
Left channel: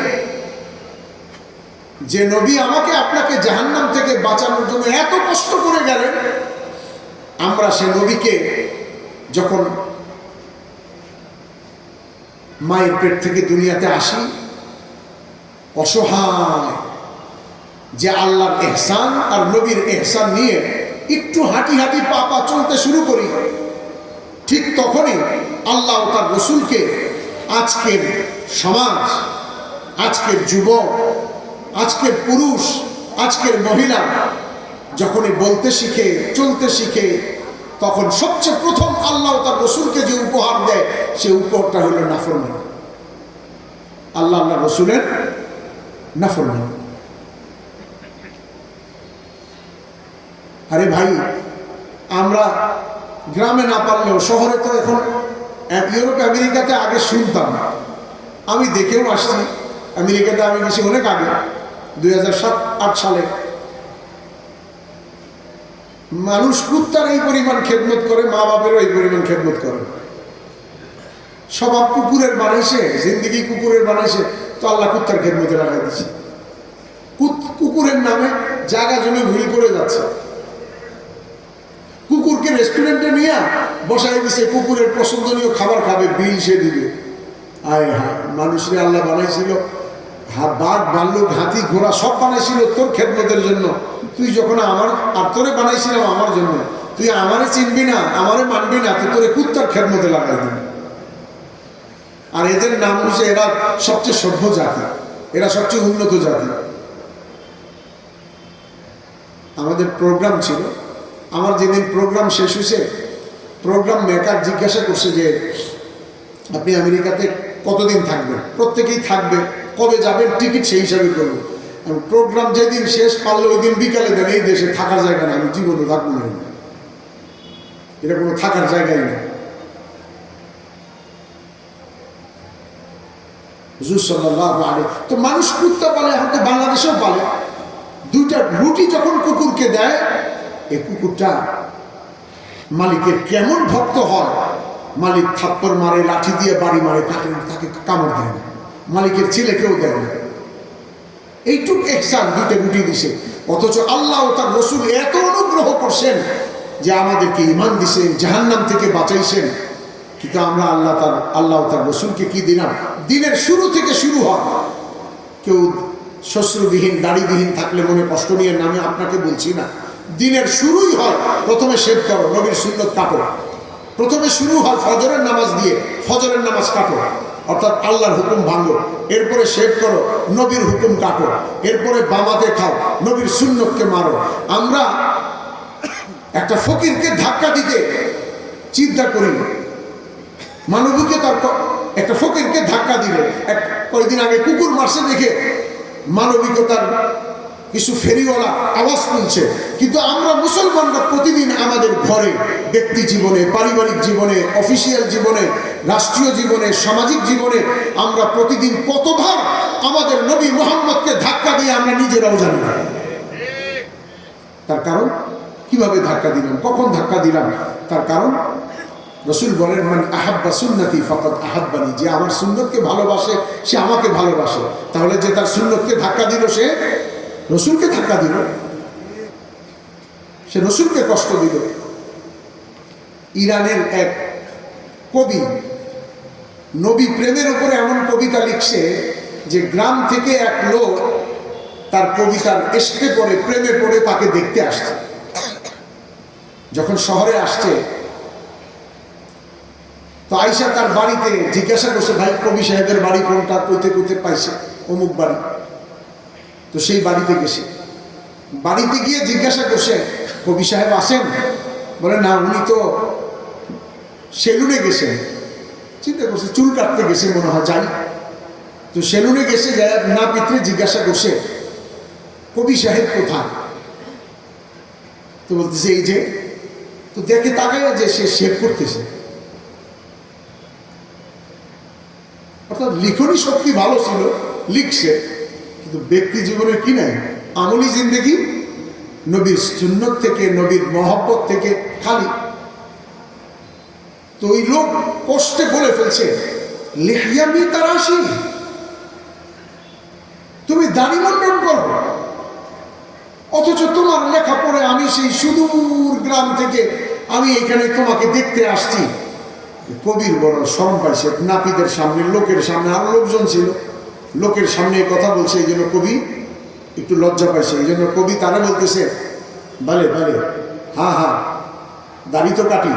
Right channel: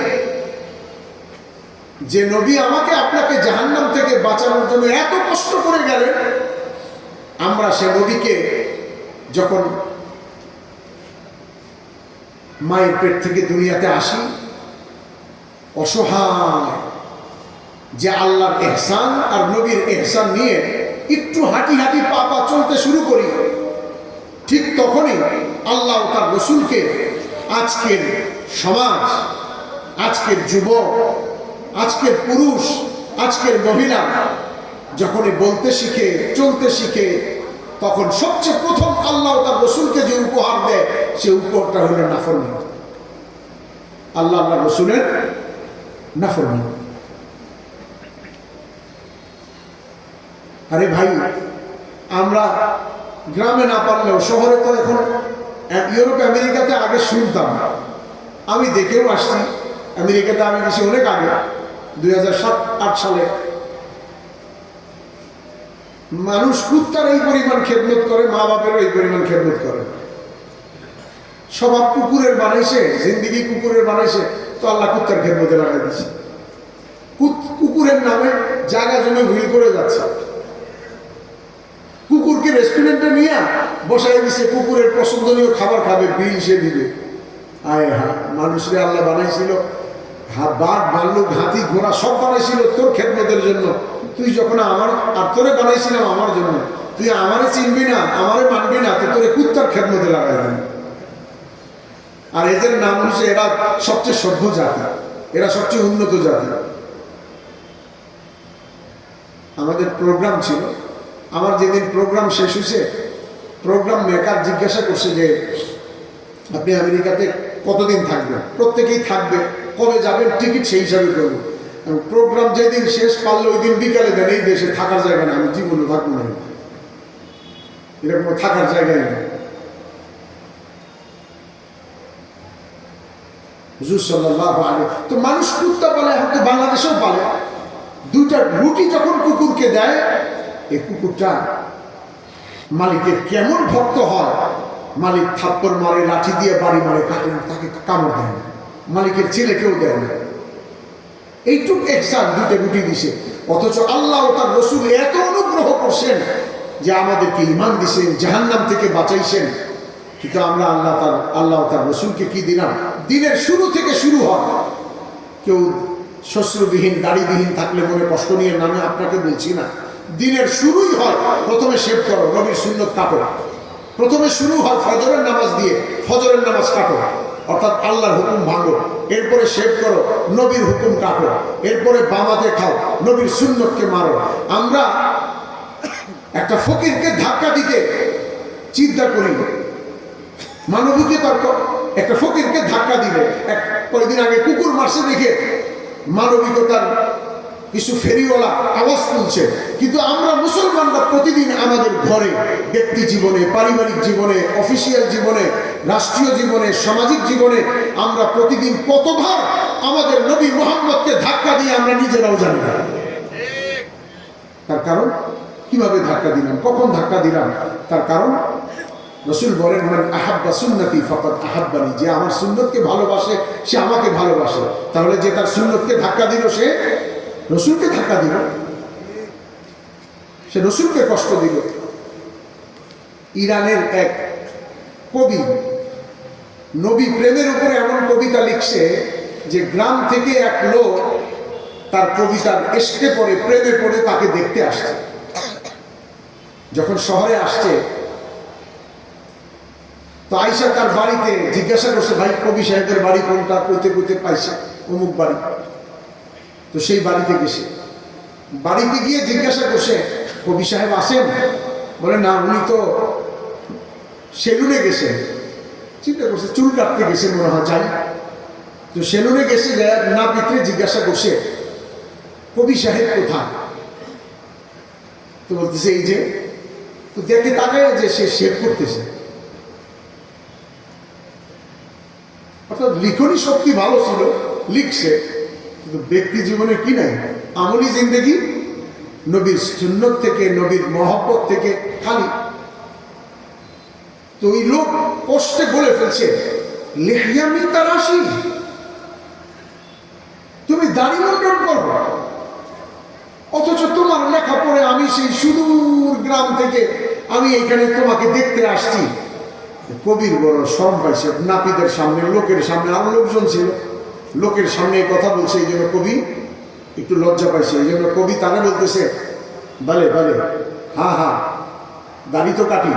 যে নবী আমাকে আপনাকে জাহান্নাম থেকে বাঁচানোর জন্য এত কষ্ট করে গেলেন, আমরা সে নবীকে যখন মায়ের পেট থেকে দুনিয়াতে আসি, অসহায়, যে আল্লাহর ইহসান আর নবীর ইহসান নিয়ে একটু হাঁটি হাঁটি পা পা চলতে শুরু করি, ঠিক তখনই আল্লাহ তার রসুলকে আজকের সমাজ, আজকের যুবক, আজকের পুরুষ, আজকের মহিলা যখনই বলতে শিখে, চলতে শিখে, তখন সবচেয়ে প্রথম আল্লাহ তার রসুলকে যে উপহার দেয়, সে উপহারটা হলো নাফরমানি, আল্লাহ আল্লাহ রসুলের নাফরমানি। আরে ভাই, আমরা গ্রামে না পারলেও শহরে তো এখন, ইউরোপ আমেরিকাতে আগে শুনতাম, আমি দেখেও আসছি, আমেরিকাতে আমি বেশি অনেক আগে 2007-8 সালে মানুষ কুত্তার এই পরিমাণ খেদমত করে, মা বাপেরও এই পরিমাণ খেদমত করে। স্বভাব কুকুরের বানাইছে, জিন্দিগি কুকুরের বানাইছে, তো আল্লাহ কুত্তার খেদমতে লাগাই দিচ্ছে। কুকুরের নামে জায়গা জমি হুইল করে যাচ্ছে। কুকুরকে রেস্টুরেন্টে নিয়ে বসাই দিছে, কুকুরের পছন্দনীয় খাবার খাবে, বিল সে দিবে। আয় হা, মানুষরে আল্লাহ বানাইছিল, বাঘ, ভাল্লুক, হাতি, ঘোড়া সব বানাইছিল তোর খেদমতের জন্য। তুই যখন আমার, আর তোরে বানাইছিলাম আমার জন্য, তুই আমারে চিনবি না, আমারে মানবি না, তো তোরে কুত্তার খেদমতে লাগাই দিবি। আর এদের নাম হচ্ছে, এরা সবচেয়ে সভ্য জাতি, এরা সবচেয়ে উন্নত জাতি। আমাদের প্রোগ্রাম ছিল, আমার যেদিন প্রোগ্রাম শেষ হয়েছে, প্রোগ্রাম মেকার জিজ্ঞাসা করছে যে আপনি আমেরিকাতে কতদিন থাকবেন? প্রত্যেকেই থাকবে, কবে যাবেন টিকিট সেই হিসাবে করবো। প্রোগ্রাম যেদিন শেষ পারলো ওই দিন বিকালে দেন এই দেশে থাকার জায়গা না, আমি জীবনে থাকবো না, এটা কোনো থাকার জায়গায় না। হুজুর সাল্লাল্লাহু আলাইহি, তো মানুষ কুত্তা পালে, হয়তো বাংলাদেশেও পালে। দুইটা রুটি যখন কুকুরকে দেয়, এই কুকুরটা মালিকের কেমন ভক্ত হয়, মালিক থাপ্পড় মারে, লাঠি দিয়ে বাড়ি মারে, কাটে না, তাকে কামড় দেয় না, মালিকের ছেলেকেও দেয় না। এইটুক এহসান দুইটা রুটি দিছে, অথচ আল্লাহ ও তার রাসূল এত অনুগ্রহ করছেন যে আমাদেরকে ঈমান দিছেন, জাহান্নাম থেকে বাঁচাইছেন। কিন্তু আমরা আল্লাহ তার রাসূলকে কি দিলাম? দিনের শুরু থেকে শুরু হয়। কেউ শ্বশ্রবিহীন দাড়িবিহীন থাকলে মনে কষ্ট নিয়ে নামে, আপনাকে বলছি না। দিনের শুরুই হয় প্রথমে শেভ করো, নবীর সুন্নত কাটো। প্রথমে শুরু হয় ফজরের নামাজ দিয়ে, ফজরের নামাজ কাটো, অর্থাৎ আল্লাহর হুকুম ভাঙো। এরপরে শেভ করো, নবীর হুকুম কাটো। এরপরে বামাতে খাও, নবীর সুন্নতকে মারো। আমরা একটা ফকিরকে ধাক্কা দিতে চিন্তা করি, মানবিকে একটা ফকিরকে ধাক্কা দিলে, কয়েকদিন আগে কুকুর মারছে দেখে মানবিকতার কিছু ফেরিওয়ালা আওয়াজ তুলছে। কিন্তু আমরা মুসলমানরা প্রতিদিন আমাদের ঘরে, ব্যক্তি জীবনে, পারিবারিক জীবনে, অফিসিয়াল জীবনে, রাষ্ট্রীয় জীবনে, সামাজিক জীবনে আমরা প্রতিদিন কতবার আমাদের নবী মুহাম্মদকে ধাক্কা দিয়ে আমরা নিজেরাও জানি না। তার কারণ কিভাবে ধাক্কা দিলাম, কখন ধাক্কা দিলাম? তার কারণ রাসূল বলেন, মান আহাব্বা সুন্নতি ফাকাদ আহাব্বানি, যে আমার সুন্নতকে ভালোবাসে সে আমাকে ভালোবাসে। তাহলে যে তার সুন্নতকে ধাক্কা দিল সে রাসূলকে ধাক্কা দিল, সে রাসূলকে কষ্ট দিল। ইরানের এক কবি নবী প্রেমের উপরে এমন কবিতা লিখছে যে গ্রাম থেকে এক লোক তার কবিতার এসকে পড়ে, প্রেমে পড়ে তাকে দেখতে আসছে। যখন শহরে আসছে তো আয়েশা তার বাড়িতে জিজ্ঞাসা করছে, ভাই কবি সাহেবের বাড়ি কোনটা? কইতে কইতে পাইছে অমুক বাড়ি। তো সেই বাড়িতে গেছে, বাড়িতে গিয়ে জিজ্ঞাসা করছে, কবি সাহেব আসেন? বলে না, উনি তো সেলুনে গেছেন। চিন্তা করছে চুল কাটতে গেছে মনে হয়, যাই। তো সেলুনে গেছে, না পিত্রে জিজ্ঞাসা করছে কবি সাহেব কোথায়? তো বলতেছে এই যে। তো দেখে তাকায় যে সে শেভ করতেছে। অর্থাৎ লিখনি শক্তি ভালো ছিল, লিখছে, কিন্তু ব্যক্তি জীবনে কি নাই, আমলি জিন্দেগি নবীর সুন্নত থেকে, নবীর মহব্বত থেকে খালি। তো ওই লোক কষ্টে বলে ফেলছে, লিহিয়ামি তারাশি, তুমি দাড়ি মন্ডন করো, অথচ তোমার লেখা পড়ে আমি সেই সুদূর গ্রাম থেকে আমি এখানে তোমাকে দেখতে আসছি। কবির বড় শরম পাইছে, নাপিদের সামনে, লোকের সামনে, আরো লোকজন ছিল, লোকের সামনে কথা বলছে, এই জন্য কবি একটু লজ্জা পাইছে। এই জন্য কবি তারা বলতেছে, বলে বলে হা হা, দাড়ি তো কাটি,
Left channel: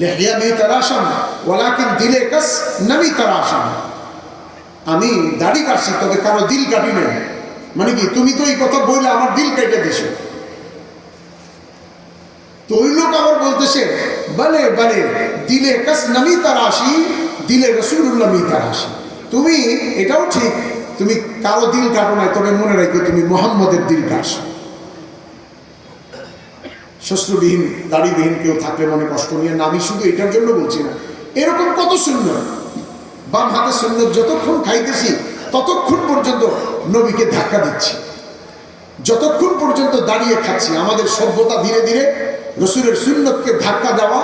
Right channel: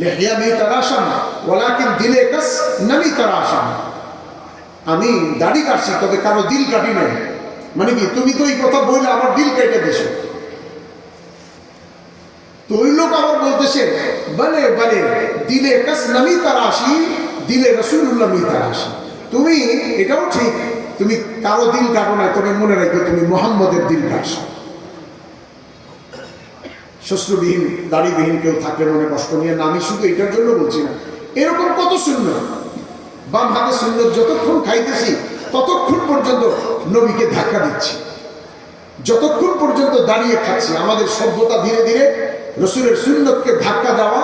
লিহিয়া মি তারাশাম ওয়ালাকিন দিলে কাস নবী তারাশাম, আমি দাড়ি কাটছি তবে কারো দিল কাটি নাই। মানে কি, তুমি তো এই কথা বলে আমার দিল কেটে দিছো। তো ওই লোক আবার বলতেছে, বলে বলে দিলে কাস নবী তারাশি, দিলে রাসূলুল্লাহ মি তারাশি। তুমি এটাও ঠিক, তুমি কারো দিল কাটো নাই, তবে মনে রাখো তুমি মুহাম্মদের দিল কাটছো। শ্বশ্রবিহীন দাড়িবিহীন কেউ থাকলে মনে কষ্ট নিয়ে না, আমি শুধু এটার জন্য বলছি না, এরকম কত সুন্নাত। বাম হাতে সুন্নাত যতক্ষণ খাইতেছি ততক্ষণ পর্যন্ত নবীকে ধাক্কা দিচ্ছি, যতক্ষণ পর্যন্ত দাঁড়িয়ে খাচ্ছি। আমাদের সভ্যতা ধীরে ধীরে রাসূলের সুন্নতকে ধাক্কা দেওয়া,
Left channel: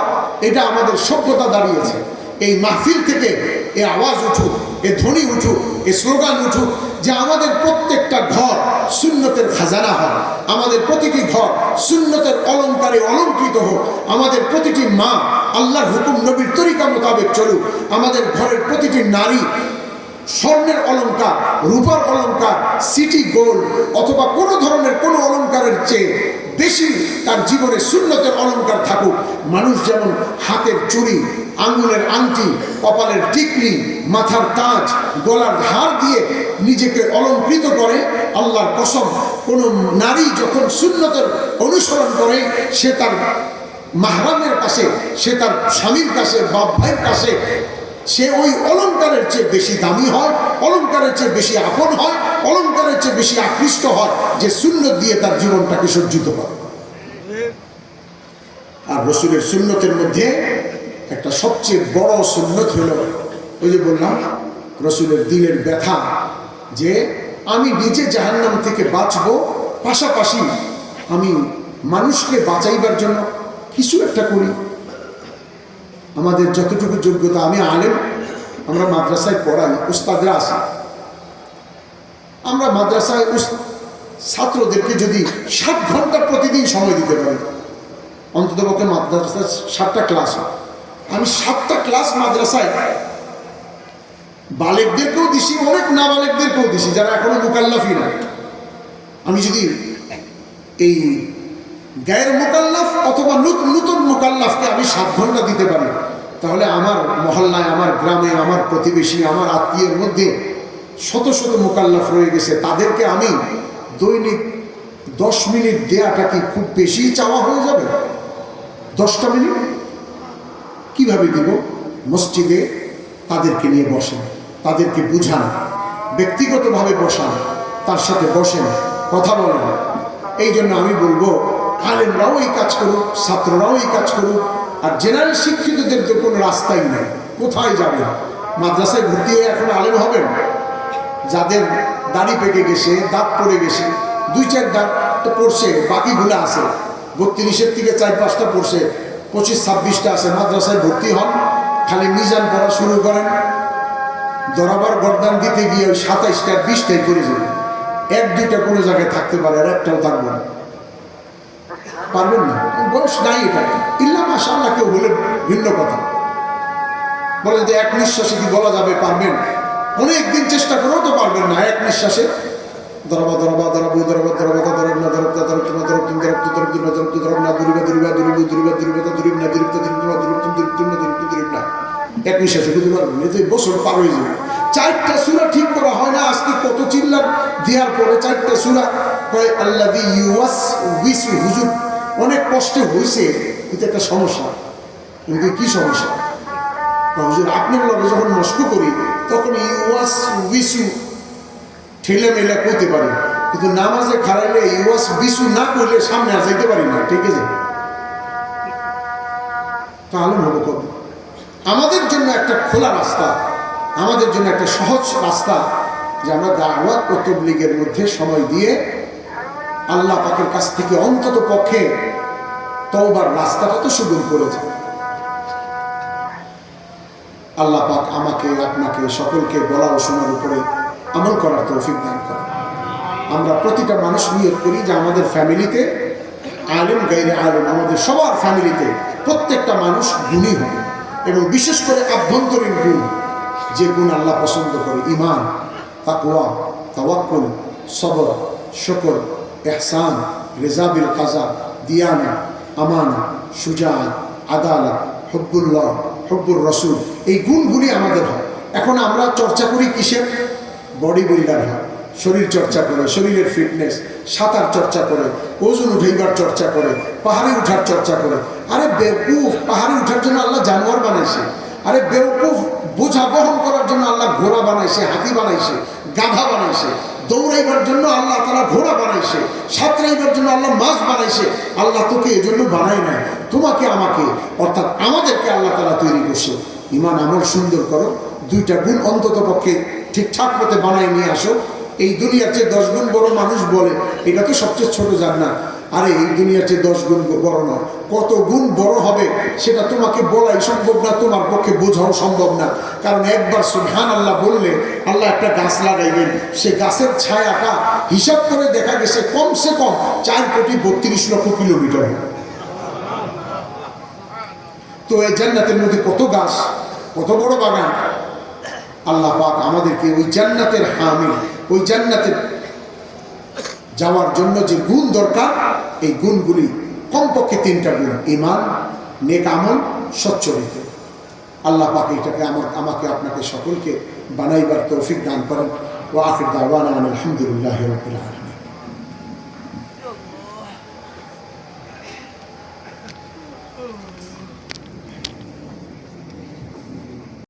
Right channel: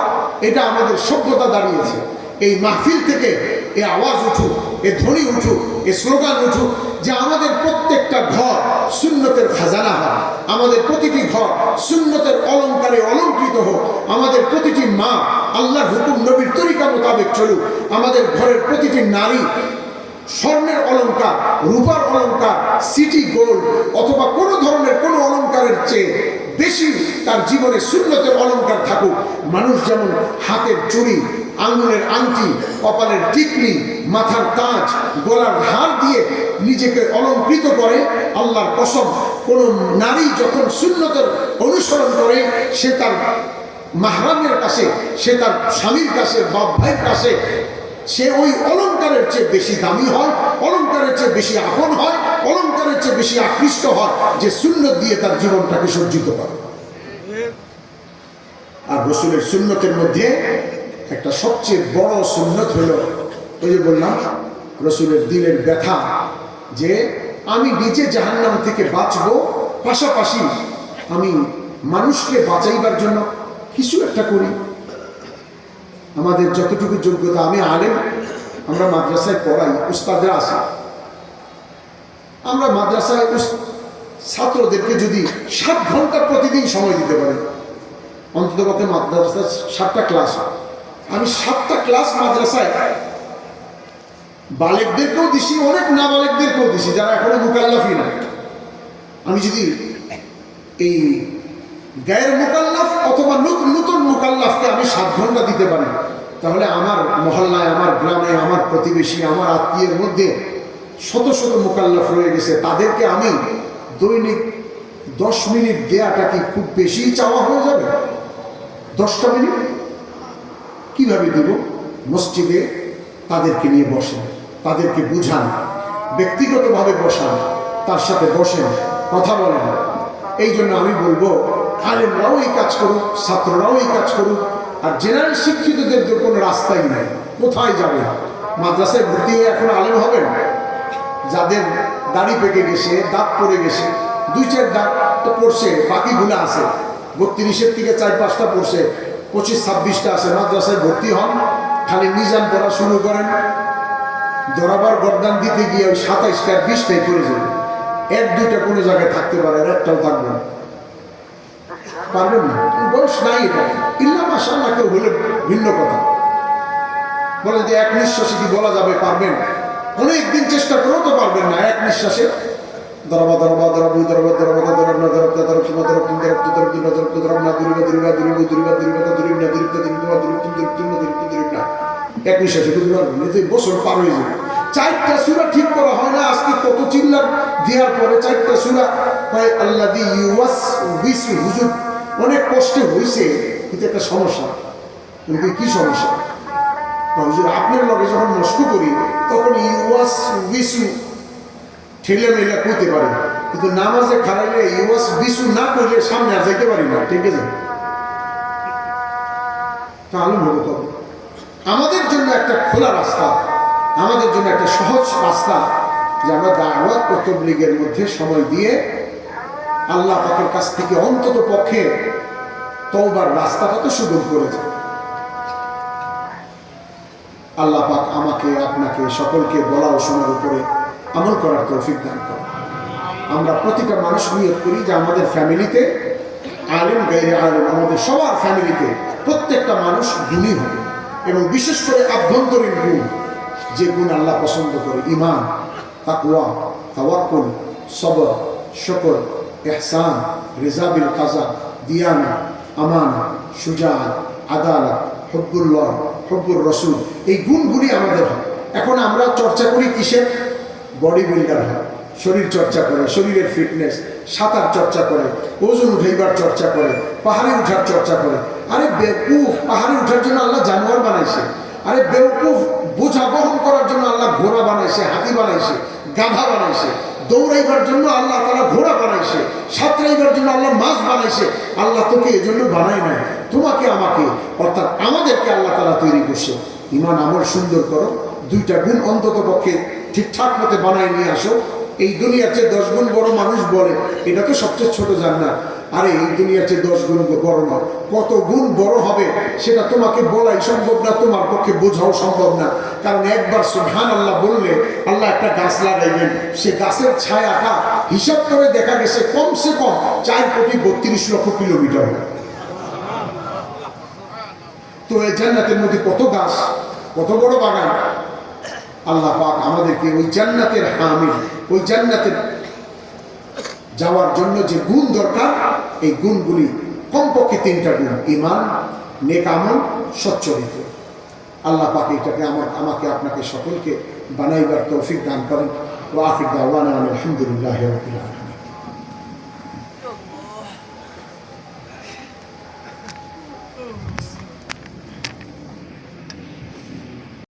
এটা আমাদের সভ্যতা দাঁড়িয়েছে। এই মাহফিল থেকে এই আওয়াজ উঠুক, এ ধ্বনি উঠুক, এ স্লোগান উঠুক যে আমাদের প্রত্যেকটা ঘর সুন্নতের খাজানা হয়, আমাদের প্রতিটি ঘর সুন্নতের অলঙ্কারে অলঙ্কৃত হোক, আমাদের প্রতিটি মা আল্লাহর হুকুম নবীর তরিকা মোতাবেক চলুক, আমাদের ঘরের প্রতিটি নারী স্বর্ণের অলঙ্কার, রূপার অলঙ্কার, সিটি গোল্ড অথবা কোনো ধরনের কোনো অলঙ্কারের চেয়ে বেশি তার জীবনে সুন্নতের অলঙ্কার থাকুক। মানুষ যেমন হাতের চুড়ি, আঙ্গুলের আংটি, কপালের টিকলি, মাথার তাজ, গলার হার দিয়ে নিজেকে অলঙ্কৃত করে, আল্লাহর কসম কোন নারী যখন সুন্নতের অনুসরণ করে সে তার মাহরামের কাছে, সে তার স্বামীর কাছে, বাপ ভাইয়ের কাছে সে ওই অলঙ্কারের চেয়ে বেশি দামি হয়, অলঙ্কারের চেয়ে বেশি আপন হয়, অলঙ্কারের চেয়ে বেশি আকৃষ্ট হয় যে সুন্নত দিয়ে তার জীবনটাকে সজ্জিত করে। আর রসুলের সুন্নতের মধ্যে একটা সবচেয়ে বড় সুন্নত হলো ওই যে বললাম রসুলের দিলের ব্যথা যে আমি নিজে জাহান্নাম থেকে বাঁচবো, পাশাপাশি আমি মানুষকে বাঁচাইবার জন্য কিছু একটা করি। আমাদের যতটুকু যোগ্যতা, আমি আলেম, আমরা মাদ্রাসায় পড়াই, উস্তাদরা আসে, আমরা মাদ্রাসায় ছাত্রদেরকে যদি 7 ঘন্টা প্রতিদিন সময় দিতে পারি, অন্ততপক্ষে মাদ্রাসায় 7টা ক্লাস হয়, আমি 7টা ক্লাস মাদ্রাসায় বালেকদেরকেও দিছি, অনেক নাবালেকদেরকেও দিছি যারা এখনো মুকাল্লাফই না। আমি যদি এই গায়ের মুকাল্লাফ অথবা নতুন মুকাল্লাফকে আমি 7 ঘন্টা দিতে পারি, তাহলে আমার মহল্লায়, আমার গ্রামে, আমার প্রতিবেশী, আমার আত্মীয়ের মধ্যে শত শত মুকাল্লাফ রয়ে গেছে, তাদেরকে আমি দৈনিক 10 মিনিট দেয়াটা কি খুব বেশি চাওয়া হয়ে যাবে? 10টা মিনিট কিভাবে দিব? মসজিদে তাদেরকে নিয়ে বসেন, তাদেরকে বুঝান, ব্যক্তিগতভাবে বসান, তার সাথে বসেন, কথা বলেন। এই জন্য আমি বলবো আলেমরাও এই কাজ করুক, ছাত্ররাও এই কাজ করুক। আর জেনারেল শিক্ষিতদের তো কোনো রাস্তাই নাই, কোথায় যাবে? মাদ্রাসায় ভর্তি হয়ে এখন আলেম হবেন? যাদের দাড়ি পেকে গেছে, দাঁত পড়ে গেছে, 2-4 দাঁত তো পড়ছে, বাকিগুলো আছে, 32-এর থেকে 4-5টা পড়ছে, 25-26টা আছে, মাদ্রাসায় ভর্তি হন, খালি মিজান পড়া শুরু করেন, দরাবার গরদান দিতে গিয়ে ওই 27টা 20টাই করে যাবে। 1-2টা কোনো জায়গায় থাকতে পারে, আর একটাও থাকবে না, পারবেন না, বয়স নাই এটা। ইল্লা মাশাআল্লাহ কেউ হলে ভিন্ন কথা, বলে যে 1 নিঃশ্বাসে কি বলা যাবে? পারবেন? অনেকদিন চেষ্টা করেও তো পারবেন না 1 নিঃশ্বাসে। দরবা দরবা দরবু দরবা দরবা দরবনা দরবতা দরবতুম দরবতুম দরবতু দরবতু দরবতু দরবনা দরিবা দরিবা দরিবু দরিবা দরিবা দরিবনা দরিবতা দরিবনা দরিবতুম দরিবতুম দরিবতু দরিবনা 1 নিঃশ্বাসে বুঝতে পারবেন? এই যে বছর পার হয়ে যাবে। 4টা সূরা ঠিক করা হয় না, আজকে কত চিল্লার দেওয়ার পরে 4টা সূরা কয় আল্লাযী ইউওয়াসউইসু। হুজুর অনেক কষ্টে হয়েছে, এটা একটা সমস্যা। কিন্তু কি সমস্যা? হুজুর আপনার লগে যখন মস্ক করি তখন ইউওয়াসউইসু ঠেলে মেলে করতে পারি, কিন্তু নামাজে খারাইলে ইউওয়াসউইসু না করলে সামনে আর যাইতে পারি না। ঠিক আছে, তাহলে হবে কবে? আমাদের জন্য একটা খোলা রাস্তা, আমাদের জন্য একটা সহজ রাস্তা যে আমরা দাওয়াত ও তাবলীগের মধ্যে সময় দিয়ে আল্লাহ পাকের কাছ থেকে অন্তত পক্ষে তওবার রাস্তাটা তো সুগম করে যায়। আল্লাহ পাক আমাকে, আপনাকে, সকলকে বলা ও শোনার উপরে আমল করার তৌফিক দান করেন। আমরা প্রতিটা মানুষ নিয়ত করি যে আমাদের ফ্যামিলিতে আলেম গায়রে আলেম, আমাদের সবার ফ্যামিলিতে প্রত্যেকটা মানুষ গুণী হবে, এবং বিশেষ করে আভ্যন্তরীণ গুণ, যে গুণ আল্লাহ পছন্দ করে, ঈমান, তাকওয়া, তাওয়াক্কুল, সবর, শুকর, ইহসান, রিজা বিল কাজা, দিয়ানা, আমানা, শুজাআত, আদালত, হুব্বুল্লাহ, হুব্বুর রাসূল, এই গুণগুলি আমাদের হয়। এখন আমরা চর্চা করি কিসের? বডি বিল্ডার হয়, শরীর চর্চা করে, শরীরের ফিটনেস, সাঁতার চর্চা করে, ওজন উঠাইবার চর্চা করে, পাহাড়ে উঠার চর্চা করে। আরে বেওকুফ, পাহাড়ে উঠার জন্য আল্লাহ জানোয়ার বানাইছে। আরে বেওকুফ, বোঝা বহন করার জন্য আল্লাহ ঘোড়া বানাইছে, হাতি বানাইছে, গাধা বানাইছে। দৌড়াইবার জন্য আল্লাহ তাআলা ঘোড়া বানাইছে, সাঁতরাইবার জন্য আল্লাহ মাছ বানাইছে। আল্লাহ তোকে এজন্য বানায় নাই, তোমাকে আমাকে, অর্থাৎ আমাদেরকে আল্লাহ তাআলা তৈরি করছে। ঈমান আমল সুন্দর করো, 2টা গুণ অন্তত পক্ষে ঠিকঠাক মতে বানায় নিয়ে আসো। এই দুনিয়ার চেয়ে 10 গুণ বড় মানুষ বলে এটা তো সবচেয়ে ছোট জান্নাত। আরে এই দুনিয়ার চেয়ে 10 গুণ বড় নয়, কত গুণ বড় হবে সেটা তোমাকে বলাই সম্ভব না, তোমার পক্ষে বোঝাও সম্ভব না। কারণ একবার সুবহানাল্লাহ বললে আল্লাহ একটা গাছ লাগাইবেন, সেই গাছের ছায়াটা হিসাব করে দেখা গেছে কমসে কম 4,32,00,000 কিলোমিটার। তো এই জান্নাতের মধ্যে কত গাছ, কত বড় বাগান। আল্লাহ পাক আমাদেরকে ওই জান্নাতের হামিল, ওই জান্নাতে যাওয়ার জন্য যে গুণ দরকার, এই গুণগুলি কমপক্ষে 3টা গুণ: ঈমান, নেক আমল, সচ্চরিত্র। আল্লাহ পাক এটাকে আমাকে আপনাকে সকলকে বানাইবার তৌফিক দান করেন। ওয়া আখির দাওয়ানা আলহামদুলিল্লাহি রাব্বিল আলামিন।